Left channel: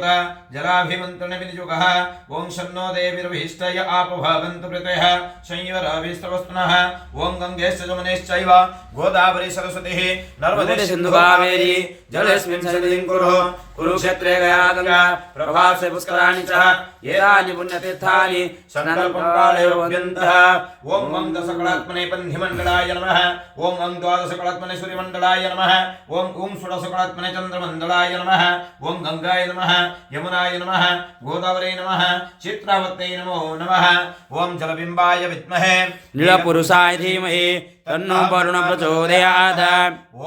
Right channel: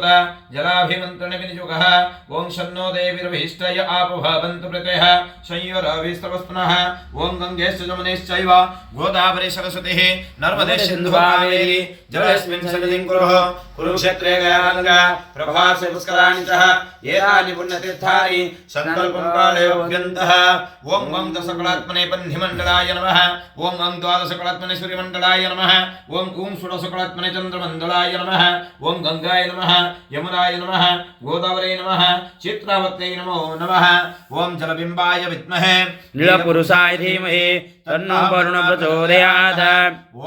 देवता जलाभिमन्त्रण विनियुगः ओं शन्नो देवीर्भिष्टय आपभावन्तु प्रत्यः संयोराभिस्तवस्तुनः ओं गङ्गेश्च जमुनेश्चैव गोदावरी सरस्वतीः नर्मदे सिन्धु कावेरी जलेस्मिन् सन्निधिं कुरुः कुरुक्षेत्रे गयागङ्गा प्रभासे पुष्कराणि च एतानि पुण्यतीर्थानि सङ्कल्पं काले भवन्त्यः ओं वं दशकलात्मने पह्निमण्डलाय नमः ओं वं द्वादशकलात्मने सूर्यमण्डलाय नमः ओं षोडशकलात्मने चन्द्रमण्डलाय नमः ओं गङ्गाय नमः यमुनाय नमः गोदावरी नमः चित्रावत्यै नमो नमः ओं जलबिम्बाय विद्महे नीलपुरुषाय धीमहि तन्नो वरुणः प्रचोदयात्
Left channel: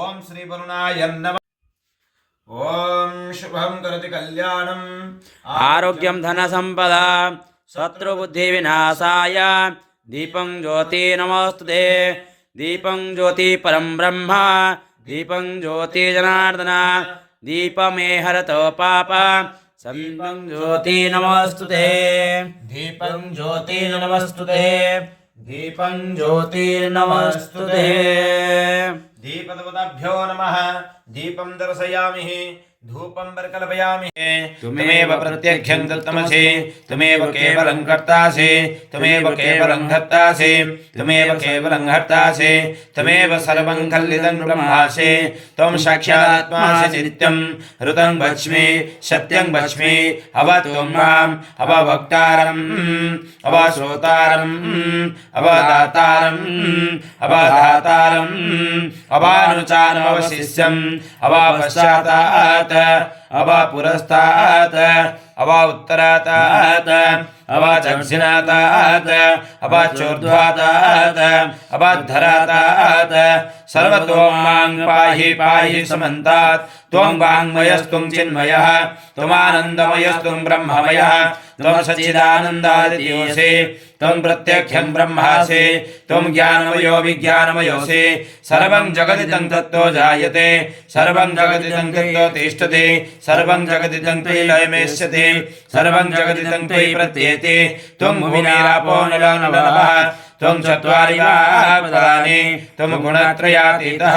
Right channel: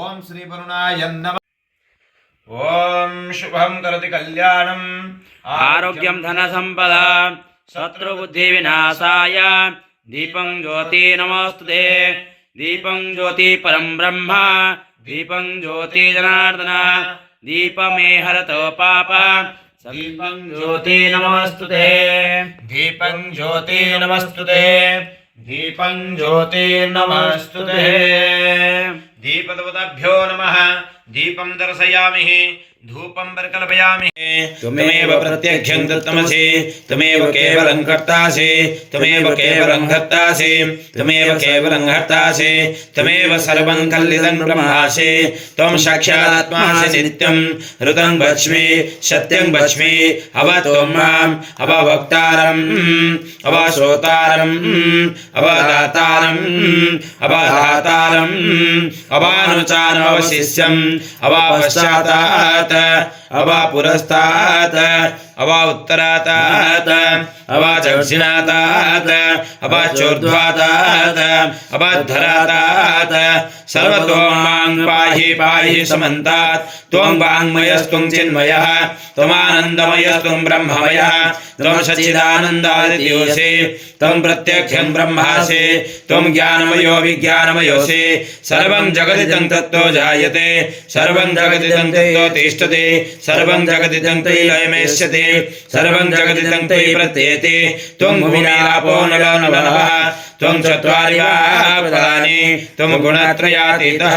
ओं श्री वरुणाय नमः ओं शुभं करोति कल्याणम् आरोग्यं धनसम्पदा शत्रुबुद्धिविनाशाय दीपं ज्योति नमोस्तुते दीपं ज्योति परं ब्रह्म दीपं ज्योति जनार्दन दीपमे हरतो पाप दीपं ज्योति नमोस्तुते दीपं ज्योति नमस्तुते दीपं ज्योति नमस्तुते दीपदेवताभ्यो नमः दीपं दर्शयामि धूपं परिकल्पयामि त्वमेव प्रत्यक्षं तत्तमसि त्वमेव केवलं कर्तासि त्वमेव केवलं हर्तासि त्वमेव केवलं हर्तासि त्वमेव सर्वं कल्लिदं ब्रह्मासि त्वं साक्षादात्मासि नित्यं ऋतं वच्मि सत्यं वच्मि अवत्वं माम् अवभक्तारम् अवश्रोतारम् अवदातारम् अवधातारम् अवानुचानमवशिष्यम् अवापश्चातात् अवा पुरस्तात् अवा उत्तरातात् अवा दक्षिणातात् अवा चोर्ध्वातात् अवा धरातात् सर्वतो मां पाहि पाहि समन्तात् त्वं वाङ्मयस्त्वं चिन्मयः त्वमानन्दमयस्त्वं ब्रह्ममयः त्वं सच्चिदानन्दादियोऽसि त्वं प्रत्यक्षं ब्रह्मासि त्वं ज्ञानमयो विज्ञानमयोऽसि सर्वं जगदिदं तत्तो जायते सर्वं जगदिदं तत्तो तिष्ठति सर्वं जगदिदं तैलयमेष्यति सर्वं जगदिदं तै प्रत्येति त्वं भूमिरापो नलो नभः त्वं चत्वारि फलानि त्वं गुणत्रयातीतः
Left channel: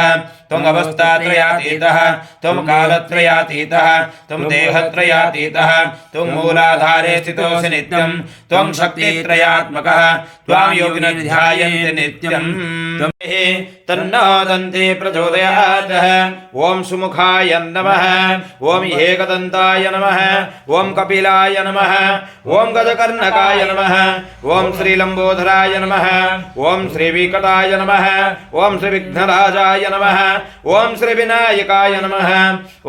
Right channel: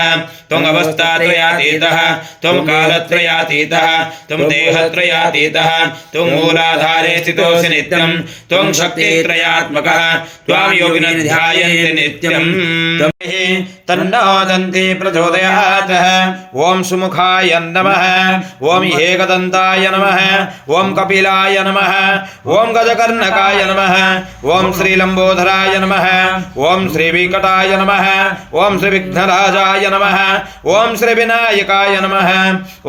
त्वं अवस्थात्रयातीतः त्वं कालत्रयातीतः त्वं देहत्रयातीतः त्वं मूलाधारे स्थितोऽसि नित्यं त्वं शक्तित्रयात्मकः त्वां योगिनः ध्यायन्ति नित्यं तन्नो दन्ति प्रचोदयात् ॐ सुमुखाय नमः ॐ एकदन्ताय नमः ॐ कपिलाय नमः ॐ गजकर्णकाय नमः ॐ श्रीलम्बोदराय नमः ॐ श्रीविकटाय नमः ॐ श्रीविघ्नराजाय नमः ॐ श्रीविनायकाय नमः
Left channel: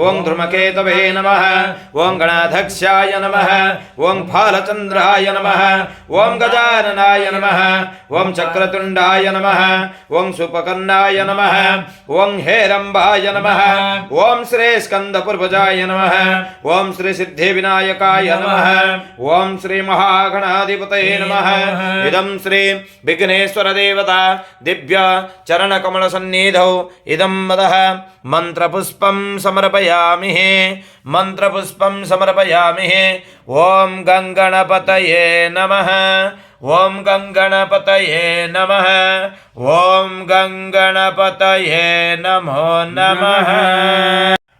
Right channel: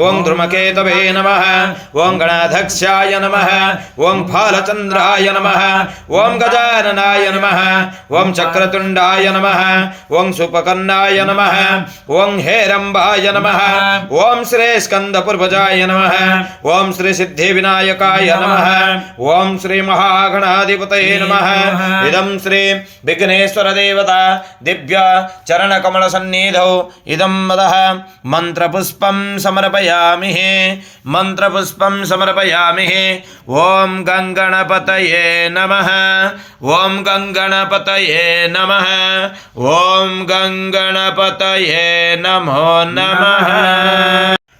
ॐ धूमकेतवे नमः ॐ गणाध्यक्षाय नमः ॐ फालचन्द्राय नमः ॐ गजाननाय नमः ॐ चक्रतुण्डाय नमः ॐ सुपकर्णाय नमः ॐ हेरम्बाय नमः ॐ श्री स्कन्दपूर्वजाय नमः ॐ श्री सिद्धिविनायकाय नमः ॐ श्री महागणाधिपतये नमः इदं श्री विघ्नेश्वर देवता दिव्य चरणकमल सन्निधौ इदं मदः मंत्रपुष्पं समर्पयामि मंत्रपुष्पं समर्पयामि ओम गंगणपतये नमः ओम गंगणपतये नमः ओम गंगणपतये नमो नमः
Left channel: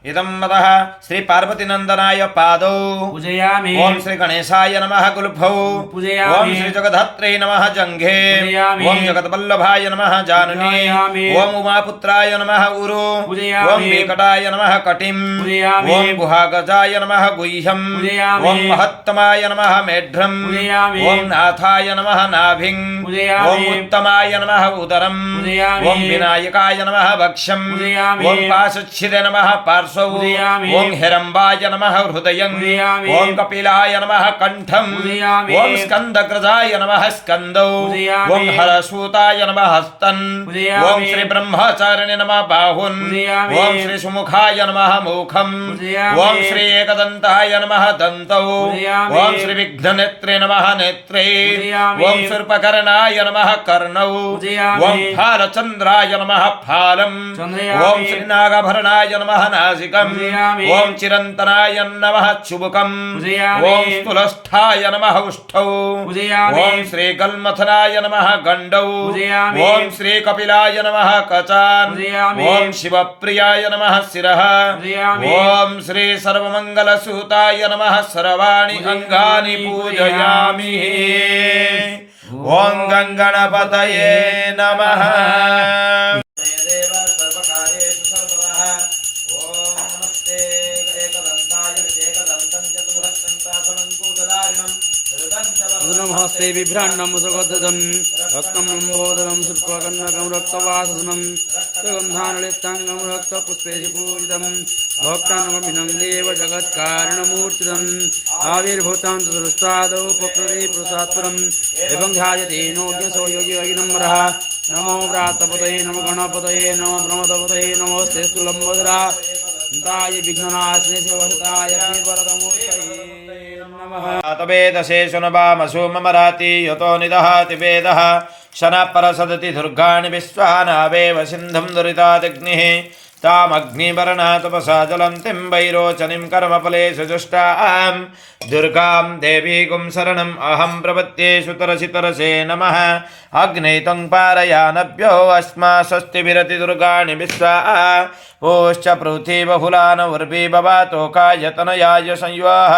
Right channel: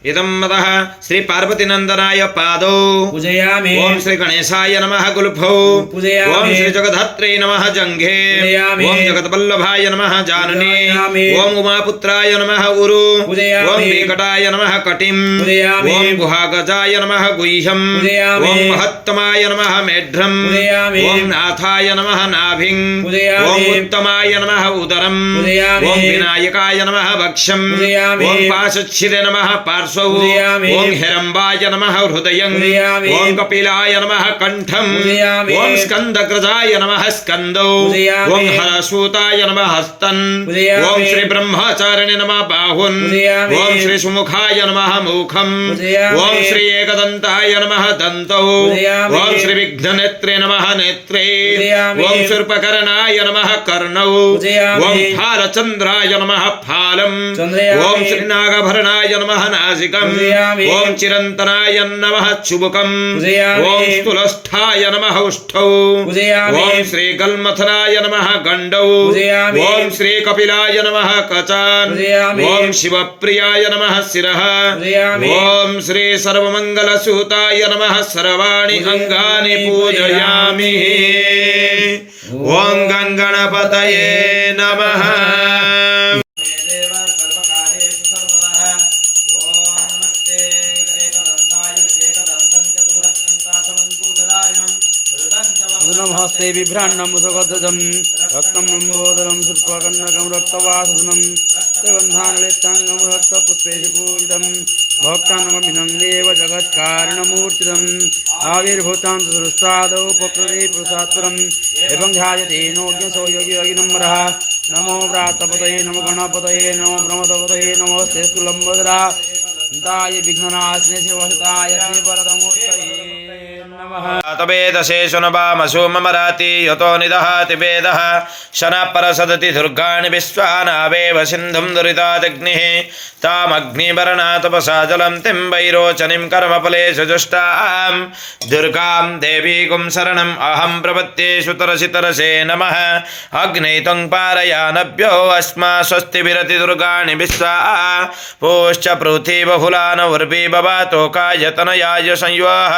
इदं मदः श्री पार्वतीनंदनाय पादौ पूजयामि ओम श्री गणेशाय नमः गुल्फौ पूजयामि ओम श्री जगद्धत्रे नमः जंघे पूजयामि ओम जगद्वल्लभाय नमः जानने पूजयामि ओम उमापुत्राय नमः उरु पूजयामि ओम वेंकटाय नमः कटिं पूजयामि ओम गुहागजाय नमः गुह्यं पूजयामि ओम महत्तमाय नमः मेढ्रं पूजयामि ओम नाथाय नमः नाभिं पूजयामि ओम उत्तमाय नमः उदरं पूजयामि ओम विनायकाय नमः वक्षं पूजयामि ओम पाशच्छिदे नमः पार्श्वौ पूजयामि ओम हिरंबाय नमः हृदयं पूजयामि ओम कपिलाय नमः कंठं पूजयामि ओम स्कंदग्रजाय नमः स्कंदौ पूजयामि ओम हरसूताय नमः हस्तन् पूजयामि ओम श्री ब्रह्मचारिणे नमः बाहुन् पूजयामि ओम श्री सुमुखाय नमः मुखं पूजयामि ओम श्री एकदन्ताय नमः दन्तौ पूजयामि ओम श्री विघ्ननेत्रे नमः नेत्रे पूजयामि ओम शूर्पकर्णाय नमः कर्णौ पूजयामि ओम फालचन्द्राय नमः फालं चन्द्रयामि ओम श्री नागभरणाय नमः नाज नासिकम् पूजयामि। ॐ चिरन्तनाय नमः चुबुकम् पूजयामि। ॐ स्तुलष्ठाय नमः उष्ठौ पूजयामि। ॐ श्रीगल्मथनाय नमः गण्डौ पूजयामि। ॐ श्रीकपिलाय नमः कचान् पूजयामि। ॐ शिवप्रियाय नमः शिरः पूजयामि। ॐ श्री सर्वमङ्गलसूताय नमः सर्वाणि अङ्गानि पूजयामि ॐ गङ्गणपतये नमः हस्ते बिभ्राण्डं सुगद्धं रक्तं लम्बोदरं शुल्पकर्णकं रक्तवासनं सुगन्धानलिप्ताङ्गं रक्तपुष्पेषु पूजितं भक्तानुगमिनं देव जगत्कारणमूर्तितम् आविर्भूतां सुदृष्टादौ प्रकृति पुरुषात्परम् एवं ध्यायते नोज्ञसो योगिनम्बरः नमो व्रातपतये नमो गणपतये नमो ब्रह्मपतये नमोस्ते लम्बोदरा ताय विघ्ननाशिने शिवसताय श्रीवरदमूर्तये नमः। तवेदशेषु नवामसु ममराति यतो निदहाति वेदः शनः परसदति दुर्गाणि विश्वानावेव सिन्धुं दुरितादग्निः तामग्निवर्णा तपसा जलं तिं वैरोचनीं कर्मफलेषु जुष्टां दुर्गां देवीं शरणम् अहं प्रपद्ये सुतरसि तरसे नमः अग्ने त्वं पारयानभ्यो अस्मा स्वस्तिभिरति दुर्गाणि विश्वा पोश्च पृथिवफुलान उर्वी बवातोकायतनयाय संयुः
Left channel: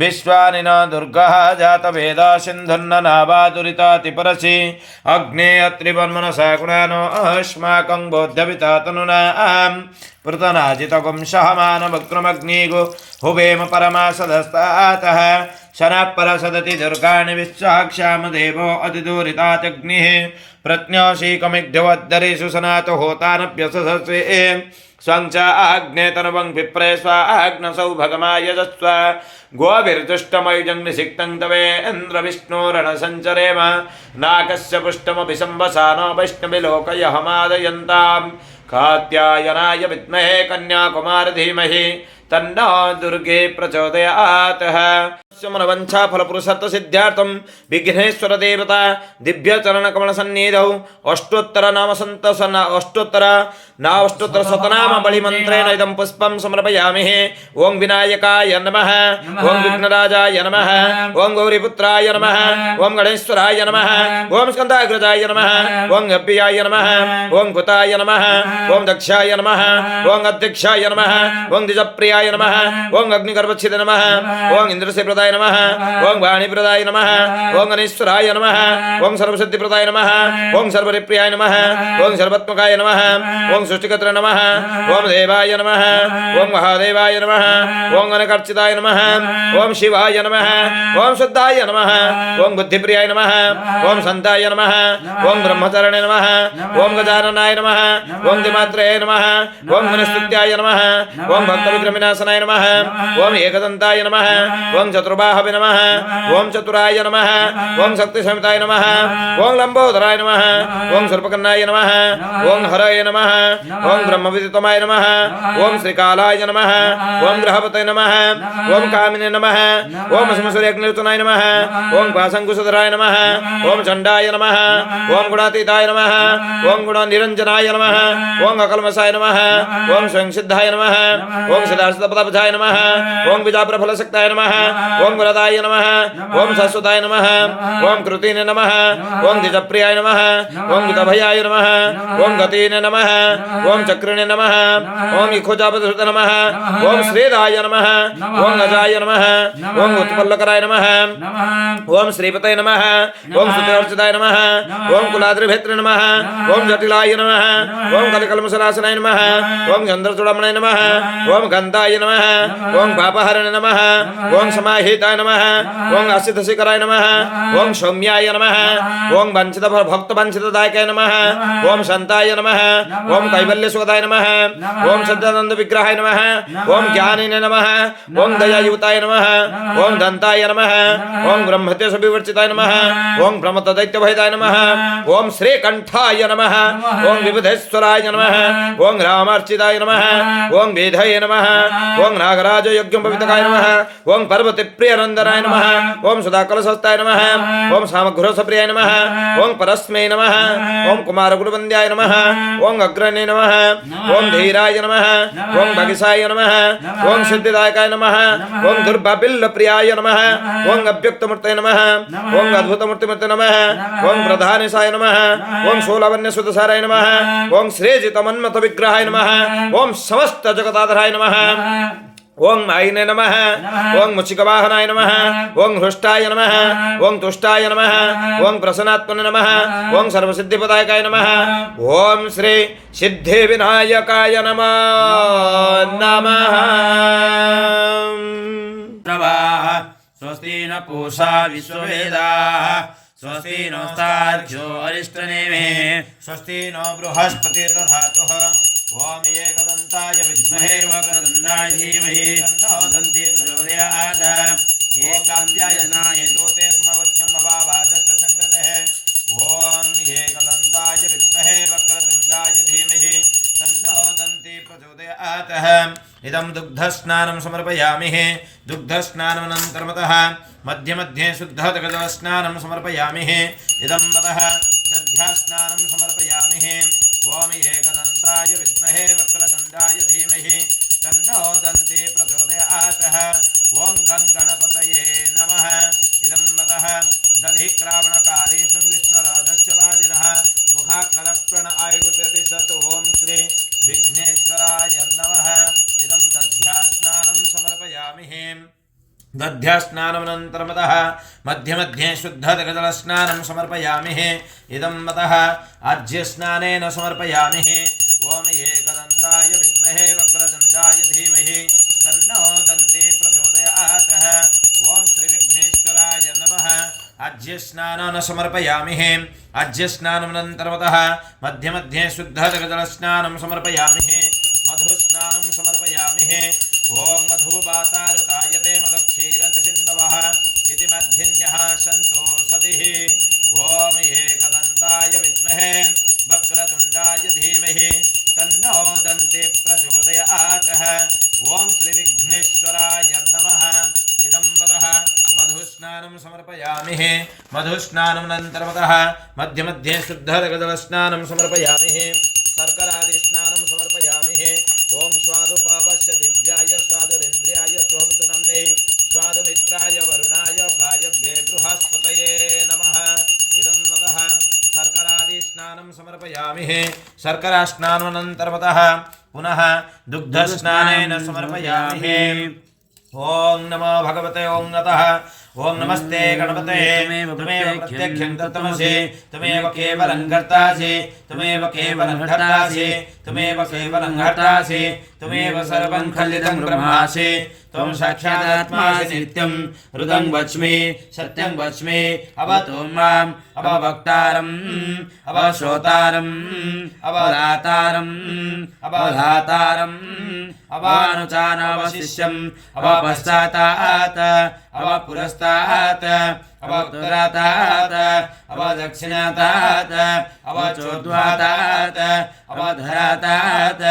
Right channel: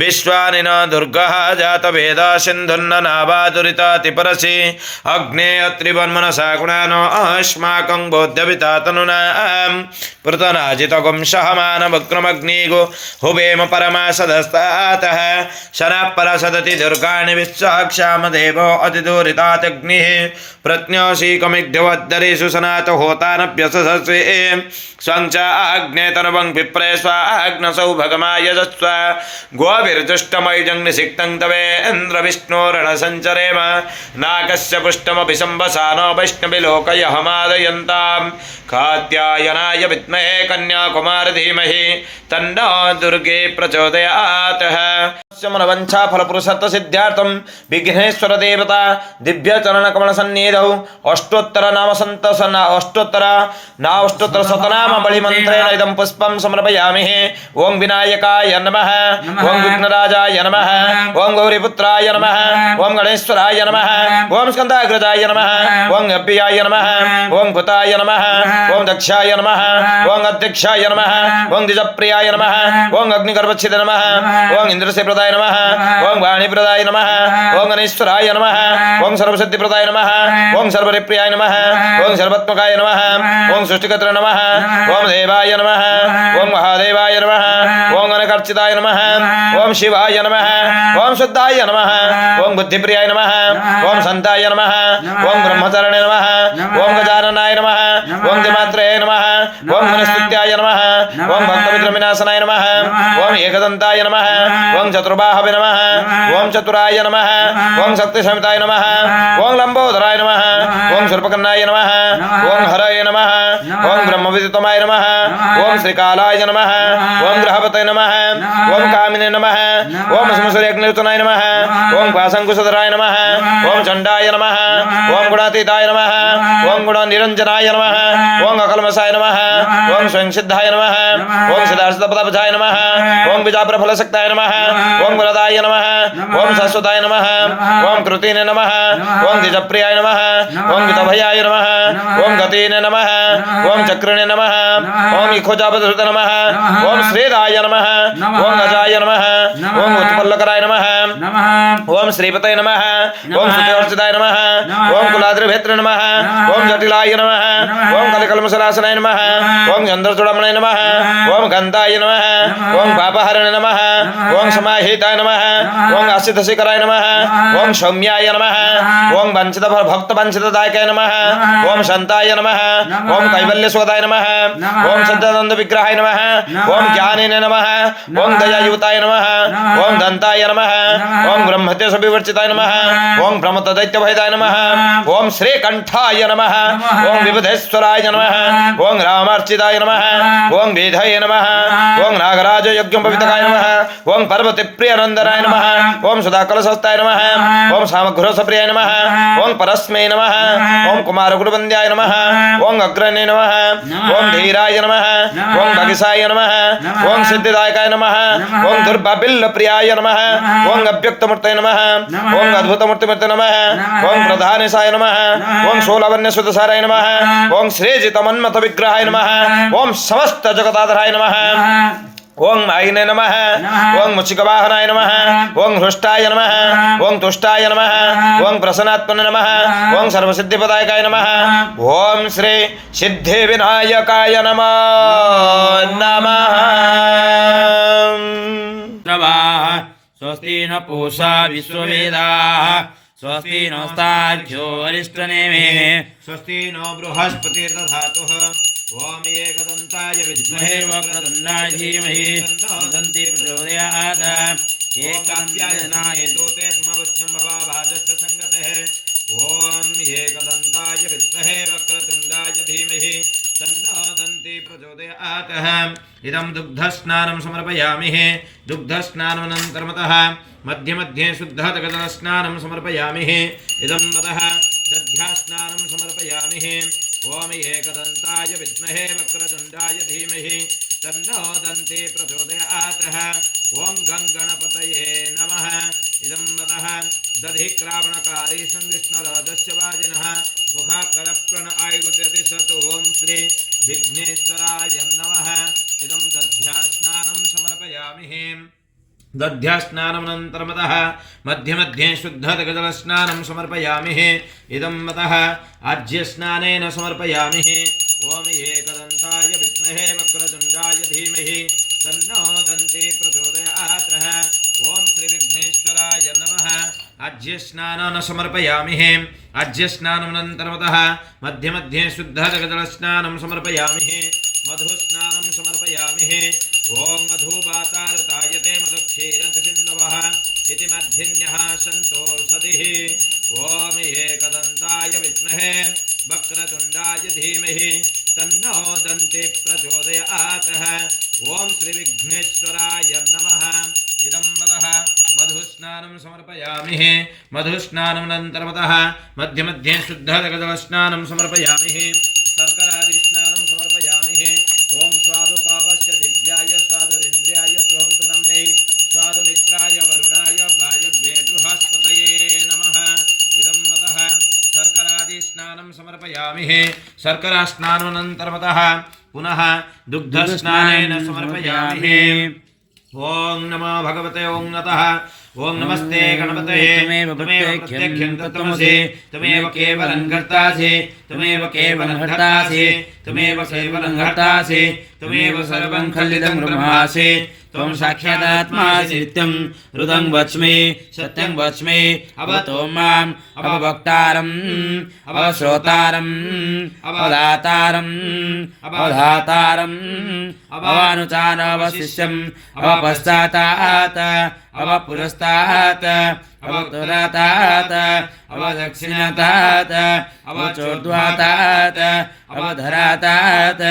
विश्वानि न दुर्गः जातवेदा सिन्धुन्न नावादुरिताति परसि अग्ने अत्रिवन्मनसा गुणानो अस्माकं बोध्यविता तनुना पृतनाजितगुं सहमानवक्रमग्निगो हुवेम परमासदस्तातः शनः परसदति दुर्गाणि विश्वाक्षामदेवो अतिदुरितात्यग्निः प्रज्ञासीकमिग्ध्यवद्धरेषु सनातो होतानभ्यसस्वे स्वं च आग्नेतनवं विप्रे स्वाग्नसौ भगमायजस्व गोभिर्जुष्टमयुजं निषिक्तं तवेन्द्रविष्णोरणसञ्चरेम नाकस्य पुष्टमपि सम्भसानो वैष्णविलोकयहमादयन्तां कात्यायनाय विद्महे कन्याकुमार धीमहि तन्नो दुर्गे प्रचोदयात् मनवंशा फलपुरुषत्व सिद्ध्यार्थं विघ्नेश्वर देवता दिव्यचरणकमल सन्निधौ अष्टोत्तर शतनाम बलिमन्त्रेण इदं पुष्पं समर्पयामि ओं विनायकाय नमः ओं विघ्नराजाय नमः ओं गौरीपुत्राय नमः ओं गणेश्वराय नमः ओं स्कन्दाग्रजाय नमः ओं अभ्याय नमः ओं भूताय नमः ओं दक्षाय नमः ओं अध्यक्षाय नमः ओं द्विजप्रियाय नमः ओं अग्निगर्भच्छिदे नमः ओं इंद्रसेप्रदाय नमः ओं वाणीप्रदाय नमः ओं गणेश्वराय नमः ओं सर्वसिद्धिप्रदाय नमः ओं सर्वरिप्रियाय नमः ओं सर्वात्मकाय नमः ओं सृष्टिकर्त्रे नमः ओं देवाय नमः ओं महादेवाय नमः ओं अनकर्चिताय नमः ओं शिवाय नमः ओं शुद्धाय नमः ओं बुद्धिप्रियाय नमः ओं संताय नमः ओं ब्रह्मचारिणे नमः ओं गजाननाय नमः ओं दिमात्रे नमः ओं मनस्तुत्याय नमः ओं भक्तविक्रमिनाशनाय नमः ओं एकदन्ताय नमः ओं चतुर्बाहवे नमः ओं चतुराय नमः ओं शक्तिसमिताय नमः ओं लंबोदराय नमः ओं सर्पकन्नाय नमः ओं हराय नमः ओं ब्रह्मविदितमाय नमः ओं श्रीकालाय नमः ओं ग्रहपतये नमः ओं कामिने नमः ओं समसूर्यग्निर्तनाय नमः ओं पाशंकुशधराय नमः ओं चण्डाय नमः ओं गुणातीताय नमः ओं गुणनिरञ्जनाय नमः ओं अकल्मषाय नमः ओं स्वयंसिद्धाय नमः ओं सदाशिवपदापथाय नमः ओं बीजाप्रफलशक्ताय नमः ओं वरदाय नमः ओं शाश्वताय नमः ओं कृतिने नमः ओं द्विजप्रियाय नमः ओं गीतभयाय नमः ओं गतिने नमः ओं चक्रिणे नमः ओं इखोजापधृते नमः ओं श्रीराय नमः ओं अजाय नमः ओं उत्पल्लकराय नमः ओं श्रीपतये नमः ओं स्तुतिवर्चिताय नमः ओं कुलाद्रिभेत्रे नमः ओं जटिलाय नमः ओं कलिकल्मषनाशनाय नमः ओं चन्द्रचूडामणे नमः ओं गन्धाय नमः ओं पापहरणे नमः ओं समाहिताय नमः ओं असितशिखराय नमः ओं सौम्याय नमः ओं भक्तवंचितदायकाय नमः ओं शान्ताय नमः ओं कैवल्यसोदाय नमः ओं सच्चिदानन्दविग्रहाय नमः ओं ज्ञानिने नमः ओं दयायुताय नमः ओं दन्ताय ब्रह्मप्रदाय नमः ओम ब्रह्मत्य सविवर्चिताय नमः ओम ब्रह्मतदैत्यभयदाय नमः ओम श्रीकंठाय नमः ओम विबुधेश्वराय नमः ओम रामार्चिताय नमः ओम वेदाय नमः ओम नागराज यज्ञोपवीतकाय नमः ओम पार्वतीप्रियनंदनाय नमः ओम सदाकलशस्ताय नमः ओम सामघ्रोसप्रियाय नमः ओम परस्मै नमः ओम कुमारगुरुवन्द्याय नमः ओम अग्रणे नमः ओम धीराय नमः ओम भगिसाय नमः ओम सिद्धिदायकाय नमः ओम दुर्बाबिल्लप्रियाय नमः ओम अव्यक्तमूर्तये नमः ओम अद्भुतमूर्तिमूर्ते नमः ओम प्रधानेशाय नमः ओम शूलवन्यसुतसाराय नमः ओम श्रीजितमन्मथ विग्रहाय नमः ओम समस्त जगदाधराय नमः ओं आयने नमः ओं मुचिकवाहनाय नमः ओं हृष्टाय नमः ओं तुष्टाय नमः ओं प्रसन्नात्मने नमः ओं सर्वसिद्धिपदायकाय नमः ओं श्री सिद्धिविनायकाय नमः नमः। स्वस्ति न पूषा विश्ववेदाः स्वस्ति नस्तार्क्ष्यो अरिष्टनेमे स्वस्ति नो बृहस्पतिर्दधातुः ओम एकदन्ताय विद्महे वक्रतुण्डाय धीमहि तन्नो दन्ति प्रचोदयात् एकाव्यायनाय तोते स्मवत्यम् अवाभाजस्य संगतः ओम एकदन्ताय विद्महे वक्रतुण्डाय धीमहि तन्नो दन्ति प्रचोदयात् इदं दुग्धस्नानं समर्पयामि दुग्धस्नानमनन्तरमतः मध्ये मध्ये शुद्धजलस्नानं समर्पयामि इदं ततः दध्यास्नानं समर्पयामि ओम एकदन्ताय विद्महे वक्रतुण्डाय धीमहि तन्नो दन्ति प्रचोदयात् ओम गणपतये नमः इदं ततः दधिक्रावणकारी संविष्णुराजस्य वाजिनः मुखाकरप्रण आयुत्यति सत् ओम श्री विघ्नेश्वराय नमः इदं दध्यास्नानं समर्पयामि दध्यास्नानमनन्तरमतः मध्ये मध्ये शुद्धजलस्नानं समर्पयामि इदं मतः आज्यस्नानेन समर्पयामि ओम एकदन्ताय विद्महे वक्रतुण्डाय धीमहि तन्नो दन्ति प्रचोदयात् ओम श्रीविघ्नेश्वराय नमः आज्यस्नानं समर्पयामि आज्यस्नानमनन्तरमतः मध्ये मध्ये शुद्धजलस्नानं समर्पयामि मधुस्नानं समर्पयामि ओम मधुवातारुतायते मदक्षीरतिसिन्धवः इति मध्धिन्यः सन्तो सदिः ओम एकदन्ताय विद्महे वक्रतुण्डाय धीमहि तन्नो दन्ति प्रचोदयात् ओम श्रीविघ्नेश्वराय नमः इदं वदः मधुस्नानं समर्पयामि मधुस्नानमनन्तरमतः मध्ये मध्ये शुद्धजलस्नानं समर्पयामि शर्करादिस्नानं समर्पयामि ओम स्वादुपावस्य दिव्याय स्वादुरेन्द्रियाय स्वहतुनम्ने स्वादुमित्राय वरुणाय वायव्ये बृहस्पतये नमः इदं मतः शर्करादिस्नानं समर्पयामि शर्करास्नानमनन्तरमतः पुनः दुग्धस्नानेन समर्पयामि ओम नमो भगवते ओम नतः ओम नमस्ते गणपते तुमेव प्रत्यक्षं तत्त्वमसि तुमेव केवलं कर्तासि तुमेव केवलं हर्तासि तुमेव केवलं हर्तासि तुमेव सर्वं खलितं ब्रह्मासि त्वं साक्षादात्मासि नित्यं हृदं वच्मि सत्यं वच्मि अवतो माम् अववक्तारम् अवश्रोतारम् अवदातारम् अवधातारम् अवानुचान अवशिष्यम् अवपश्चातात् अवपुरस्तात् अवतुरातात् अवदक्षिणातात् अवचोर्ध्वातात् अवधरातात्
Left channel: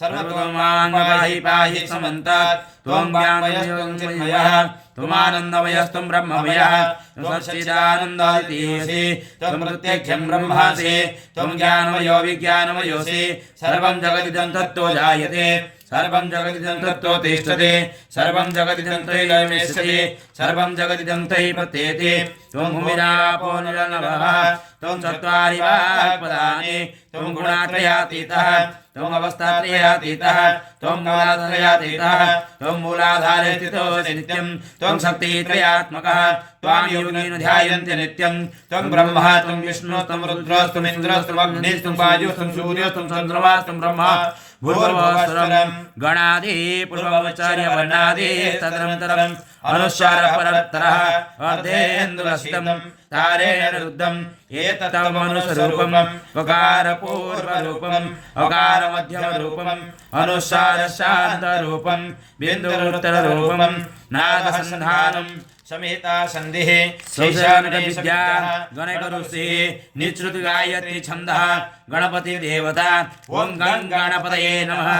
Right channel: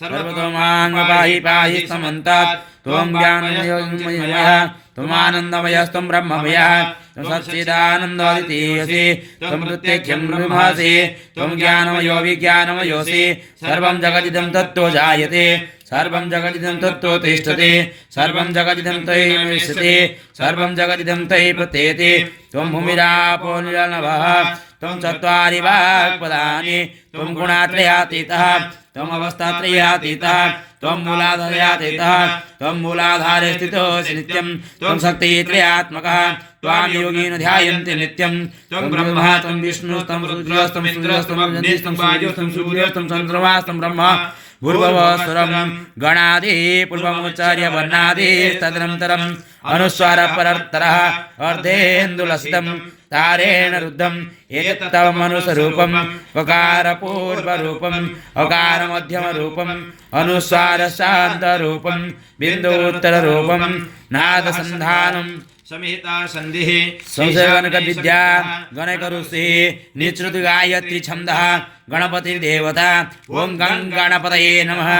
सर्वतोमाङ्गपाहि पाहि समन्तात् त्वं ज्ञानमयः त्वमानन्दमयस्त्वं ब्रह्ममयः त्वं सच्चिदानन्दोऽद्वितीयोऽसि त्वं प्रत्यक्षं ब्रह्मासि त्वं ज्ञानमयो विज्ञानमयोऽसि सर्वं जगदिदं तत्त्वो जायते सर्वं जगदिदं तत्त्वो तिष्ठति सर्वं जगदिदं त्वयि गमिष्यति सर्वं जगदिदं त्वयि प्रत्येति त्वं भूमिरापो नभः त्वं चत्वारि वाक्पदानि त्वं गुणात्रयातीतः त्वम् अवस्थात्रयातीतः त्वं मूलाधारयातीतः त्वं मूलाधारे स्थितोऽसि नित्यं त्वं शक्तित्रयात्मकः त्वां योगिनो ध्यायन्ति नित्यं त्वं ब्रह्मा त्वं विष्णुस्त्वं रुद्रस्त्वम् इन्द्रस्त्वम् अग्निस्त्वं वायुस्त्वं सूर्यस्त्वं चन्द्रमास्त्वं ब्रह्मा भूर्भुवस्वरं गणादि पूर्वमुच्चार्य वर्णादि तदनन्तरम् अनुस्वार परत्तरः अर्धेन्दुलसितं तारेण रुद्धम् एतत्तव मनुष्यरूपम् वकारपूर्वरूपम् अकारमध्यमरूपम् अनुस्वार शान्तरूपम् बिन्दुत्तररूपम् नादसन्धानम् समेता सन्धिः संसर्गनक विद्या गणकऋषि निश्रुति गायत्री छन्दः गणपति देवता ओम गं गणपतये नमः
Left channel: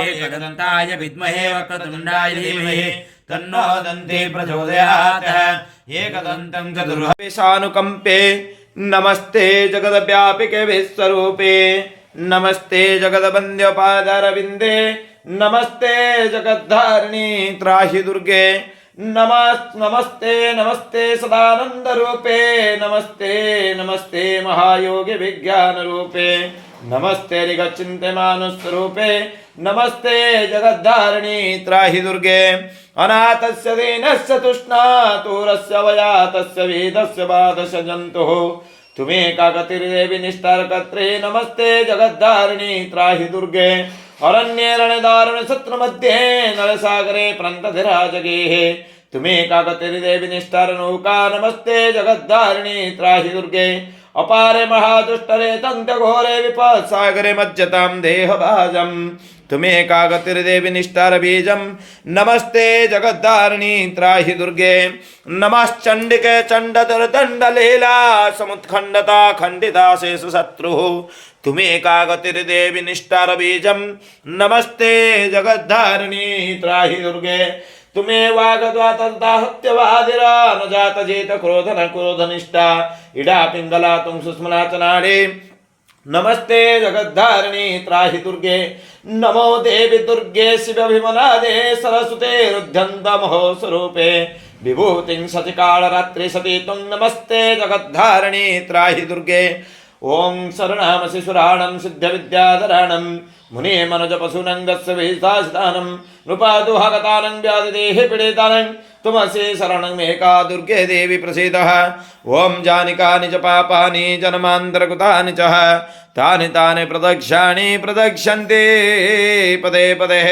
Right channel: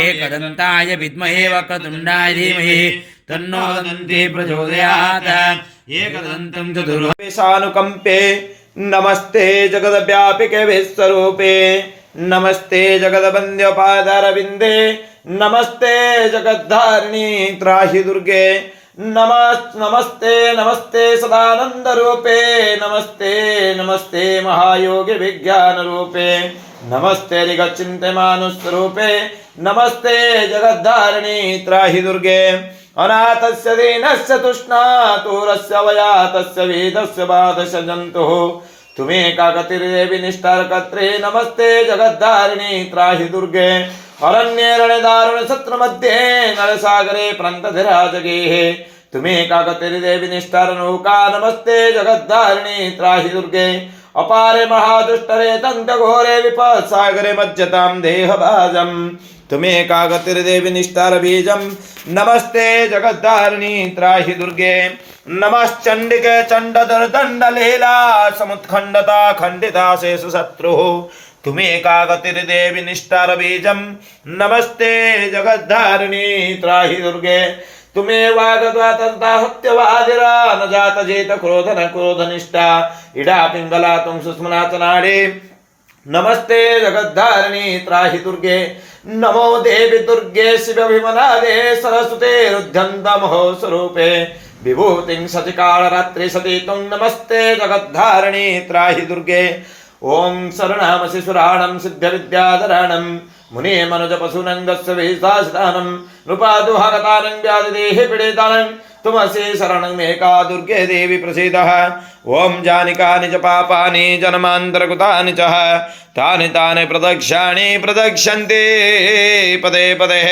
एकदन्ताय विद्महे वक्रतुण्डाय धीमहि तन्नो दन्ति प्रचोदयात् एकदन्तं चतुर्वेशानुकम्पे नमस्ते जगद्व्यापिके विश्वरूपे नमस्ते जगद्वन्द्यपादारविन्दे नमस्ते जगद्धारिणी त्राहि दुर्गे नमस्ते नमस्ते सदानंद रूपे नमस्ते नमस्ते महायोगी विज्ञान रूपे नमस्ते ऋगचिन्त्यमानुस्वरूपे नमस्ते जगद्धारिणी त्राहि दुर्गे अनाथस्य दीनस्य तुष्णातुरस्य वयातस्य वेदस्य बाधस्य जन्तुः तुमेका गतिर्देवी निष्ठारकर्त्रे नमस्ते जगद्धारिणी त्राहि दुर्गे अरण्ये रणदारुण सत्र मध्ये नलसागरे प्रन्तधिराजगेः तुमेका गतिर्देवी निष्ठारनौका नमस्ते जगद्धारिणी त्राहि दुर्गे अपारे महादुष्टरे तन्तघोरे विपत्सागरे मज्जतां देहभाजम् तुमेका गतिर्देवी निष्ठारबीजं नमस्ते जगद्धारिणी त्राहि दुर्गे नमश्चण्डिके चण्डदर्दण्डलीला समुत्खण्डता खण्डिता शेषु शत्रुः तुमेका गतिर्देवी निष्ठारबीजं नमस्ते जगद्धारिणी त्राहि दुर्गे तुमेवागद्वातन्ताहत्यवादिरा न जातजेत क्रोधन क्रोधनिष्ठा इडा पिङ्गला तुं सुस्मना च नाडी नमस्ते जगद्धारिणी त्राहि दुर्गे नमो देवी दुर्गे शिवभिमनादे सरस्वते रुध्यन्तमहो स्वरूपे विभूतिं सचिकालरात्रि सती तुं नमस्ते जगद्धारिणी त्राहि दुर्गे ओं शरणामसि सुराणं सिद्धविद्याधराणं मुने मनुजपशूनङ्गस्य विहितासितानं नृपादुहागतानं व्याधिदेहि पीडितानं तुमसि शरणमेका दुर्गे देवी प्रसीदः ओं जानिकानि च पापानि जन्मान्तरकृतानि च तानि तानि प्रदक्ष्याणि प्रदक्ष्यन्ते पदे पदे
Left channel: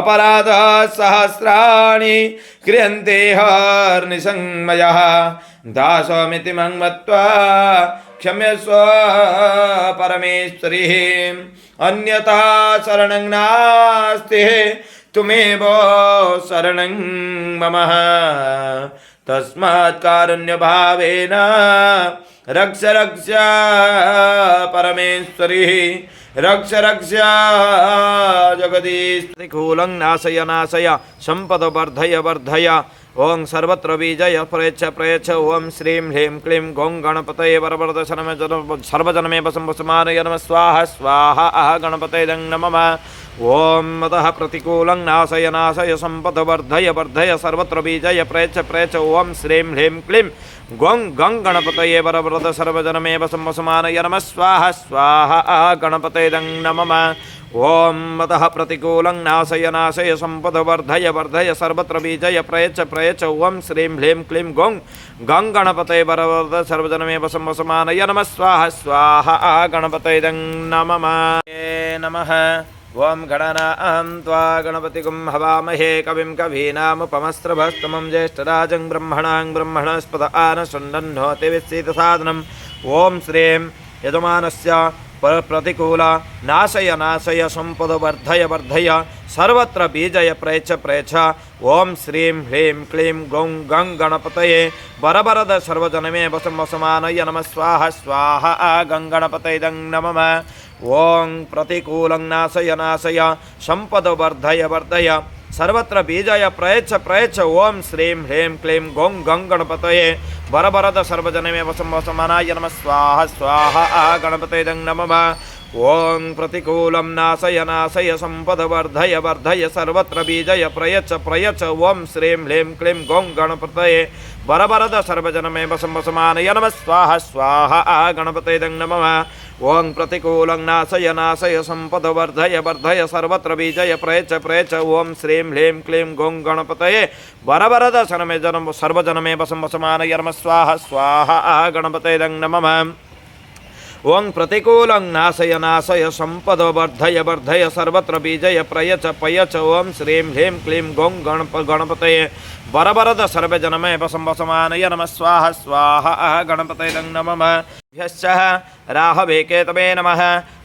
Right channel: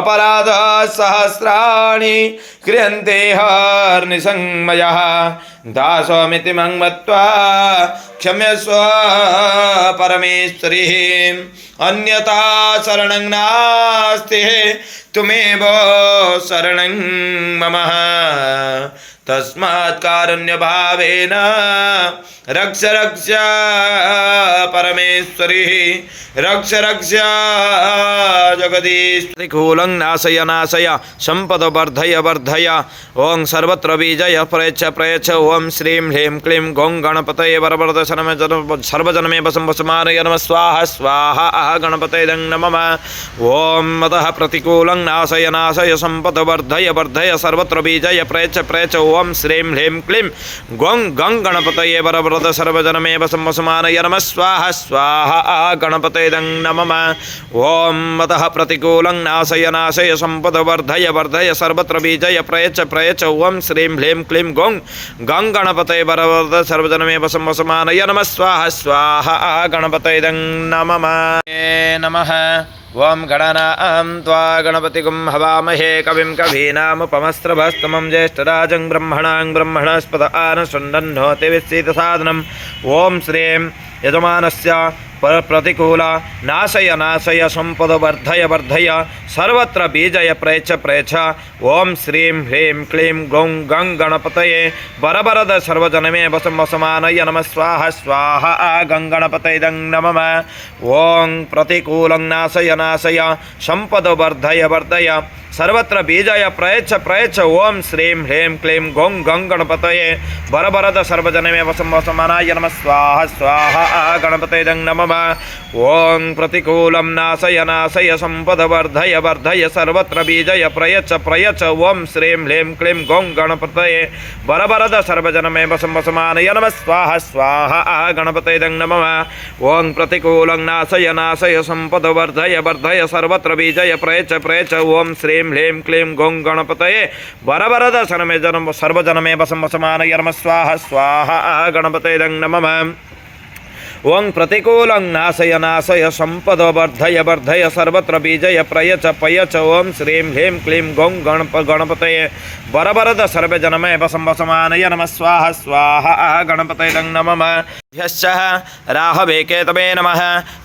अपराधः सहस्राणि क्रियन्ते हर्निसंमयः दासोमिति मं मत्वा क्षम्यस्व परमेश्वरी अन्यथा शरणं नास्ति तुमेव शरणं मम तस्मात् कारुण्यभावेन रक्ष रक्ष परमेश्वरी रक्ष रक्ष जगदीश प्रतिकूलं नाशय नाशय संपद वर्धय वर्धय ओं सर्वत्र विजय प्रयच्छ प्रयच्छ ओं श्रीं ह्रीं क्लीं गौं गणपतये वरवरद सर्वजनमे वसमानय नमः स्वाहा स्वाहा गणपतये नमः ओं मदः प्रतिकूलं नाशय नाशय संपद वर्धय वर्धय सर्वत्र विजय प्रयच्छ प्रयच्छ ओं श्रीं ह्रीं क्लीं गौं गं गणपतये वरवरद सर्वजनमे वसमानय नमः स्वाहा स्वाहा गणपतये नमः ओं मदः प्रतिकूलं नाशय नाशय संपद वर्धय वर्धय सर्वत्र विजय प्रयच्छ प्रयच्छ ओं श्रीं ह्रीं क्लीं गौं गं गणपतये वरवरद सर्वजनमे वसमानय नमः स्वाहा स्वाहा गणपतये नमः ओं गणनां त्वा गणपतिगुं हवामहे कविं कवीनामुपमस्त्रभस्तमं ज्येष्ठराजं ब्रह्मणां ब्रह्मणस्पद आनशृण्वन्नोति विश्रितसादनम् ओं श्रीं यजमानस्य प्रतिकूल नाशय नाशय संपद वर्धय वर्धय सर्वत्र बीजय प्रयच्छ प्रयच्छ ओं श्रीं ह्रीं क्लीं गौं गं गणपतये वरवरद सर्वजनमे वसमानय नमः स्वाहा स्वाहा गं गणपतये नमः ओं प्रतिकूलं नाशय नाशय संपद वर्धय वर्धय सर्वत्र बीजय प्रयच्छ प्रयच्छ ओं श्रीं ह्रीं क्लीं गौं गं गणपतये वरवरद सर्वजनमे वसमानय नमः स्वाहा स्वाहा गणपतये नमः ओं प्रतिकूलं नाशय नाशय संपद वर्धय वर्धय सर्वत्र बीजय प्रयच्छ प्रयच्छ ओं श्रीं ह्रीं क्लीं गौं गणपतये वरवरद सर्वजनमे वसमानय नमः स्वाहा स्वाहा गणपतये नमः ओं प्रतिकूलं नाशय नाशय संपद वर्धय वर्धय सर्वत्र बीजय प्रयच्छ प्रयच्छ ओं श्रीं ह्रीं क्लीं गौं गणपतये वरवरद सर्वजनमे वसमानय नमः स्वाहा स्वाहा गणपतये नमः ओं प्रतिकूलं नाशय नाशय संपद वर्धय वर्धय सर्वत्र बीजय प्रयच्छ प्रयच्छ ओं श्रीं ह्रीं क्लीं गौं गणपतये वरवरद सर्वजनमे वसमानय नमः स्वाहा स्वाहा गणपतये नमः। राहवे केतवे नमः।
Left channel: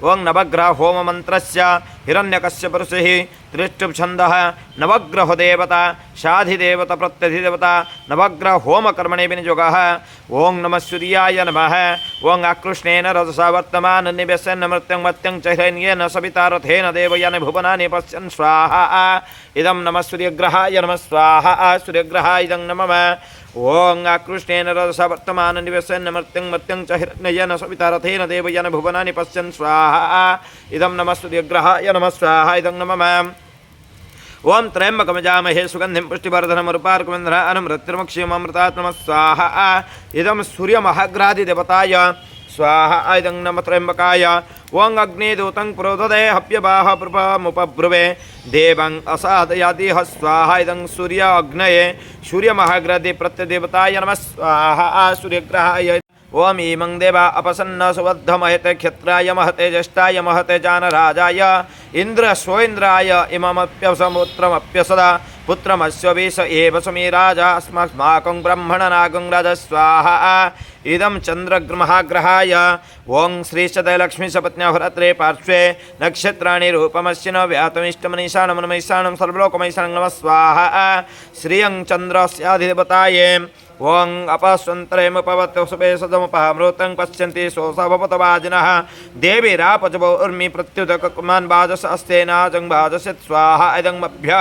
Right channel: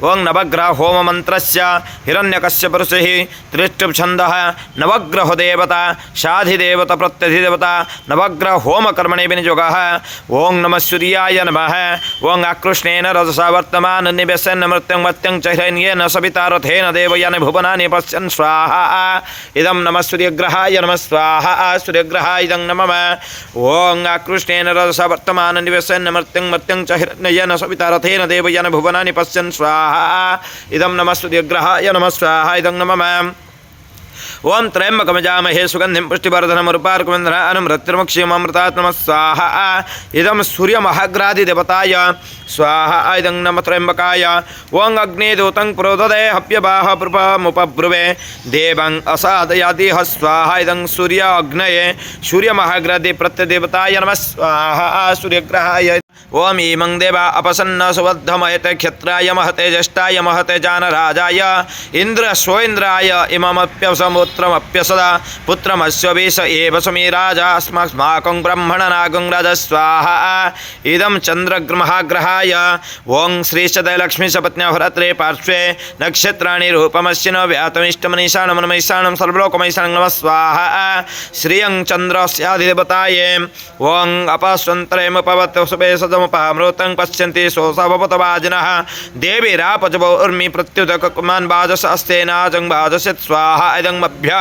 ओं नवग्रह होम मंत्रस्य हिरण्यकश्यप ऋषिः त्रिष्टुप छन्दः नवग्रह देवता शाधिदेवता प्रत्यधिदेवता नवग्रह होम कर्मणे विनियोगः। ओं नमः सूर्याय नमः। ओं आकृष्णेन रजसा वर्तमान निवेशन मृत्यं मत्यं च हिरण्येन सविता रथेन देवयानि भुवनानि पश्यन् स्वाहा। इदं नमः सूर्यग्रहाय नमः स्वाहा। सूर्यग्रहाय इदं नमः। ओं आकृष्णेन रजसा वर्तमान निवेशन मृत्यं मत्यं च नयन सविता रथेन देवयानि भुवनानि पश्यन् स्वाहा। इदं नमः सूर्यग्रहाय नमः स्वाहा। इदं नमः। ओं त्र्यम्बकमजामहे सुगन्धिं पुष्टिवर्धनम् उर्वारुकमिन्द्राणं मृत्युर्मुक्षीममृतात् नमः स्वाहा। इदं सूर्यमहाग्रादिदेवताय स्वाहा। इदं नमः त्र्यम्बकाय। ओं अग्निदूतं प्रोददे हव्यवाह प्रपमुपब्रुवे देवं असादयादिह स्वाहा। इदं सूर्य अग्नये सूर्यमहाग्रादि प्रत्यदेवताय नमः स्वाहा। सूर्यग्रहाय। ओम इमं देवा अपसन्न सुबद्धमहते क्षत्राय महते ज्येष्ठाय महते जानराजाय इंद्र स्वइन्द्राय इममप्यसमुत्रमप्यसदा पुत्रमस्य विष एव समीराजा अस्माकं ब्रह्मणनागं राज स्वाहा। इदं चन्द्रग्रहाय। ओं श्रीशतलक्ष्मीशपत्न्या भरत्रे पार्श्वे नक्षत्राणि रूपमश्चिनो व्यातमिष्टमनीषाणमनमैषाणं सर्वलोकमैषाणं नमः स्वाहा। श्रियं चन्द्रस्याधिदेवताय। ओं अपस्वन्तरेमुपवत्सुपे सदमुपमृतं पश्यन्ति सोऽसभवतवाजिनः देवी रापजवो उर्मि प्रत्युदककुमान् वाजसस्तेनाजं वाजस्य स्वाहा। इदं मभ्य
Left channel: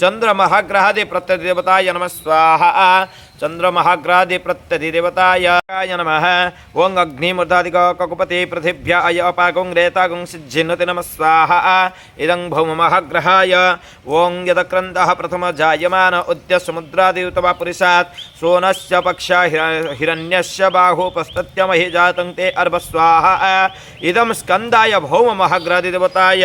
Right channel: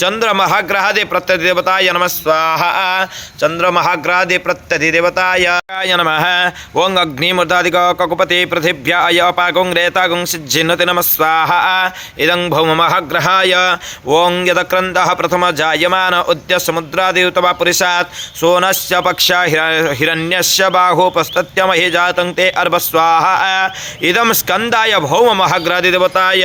चन्द्रमहाग्रहादि प्रत्यधिदेवताय नमः स्वाहा। चन्द्रमहाग्रहादि प्रत्यधिदेवताय नमः। ओं अग्निमूर्धादिककुपति पृथिव्याय अपागुं रेतागुं सिज्जिन्नति नमः स्वाहा। इदं भौममहाग्रहाय। ओं यदक्रन्दः प्रथम जायमान उद्य समुद्रादियुतवा पुरुषात् सोनस्य पक्षा हिरण्यस्य बाहुपस्तत्य महि जातं ते अर्भ स्वाहा। इदं स्कन्दाय भौममहाग्रादिदेवताय।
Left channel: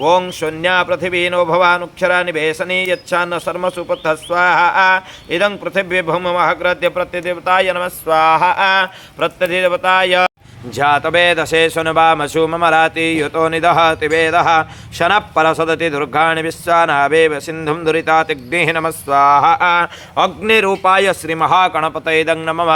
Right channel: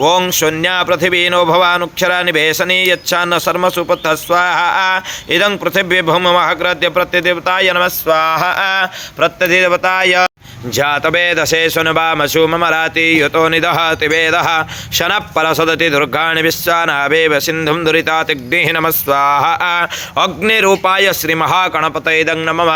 ओं शून्या पृथिवीनो भवानुक्षरा निवेशनी यच्छान्न शर्मसुपतः स्वाहा। इदं पृथिवी भौममहाग्राद्य प्रत्यदेवताय नमः स्वाहा। प्रत्यधिदेवताय। जातवेदसे सुनवामसु ममराति युतो निदहति वेदः शनः परसदति दुर्गाणि विश्वानावेव सिन्धुं दुरितातिग्निः नमः स्वाहा। अग्निरूपाय श्रीमहागणपतये इदं नमः।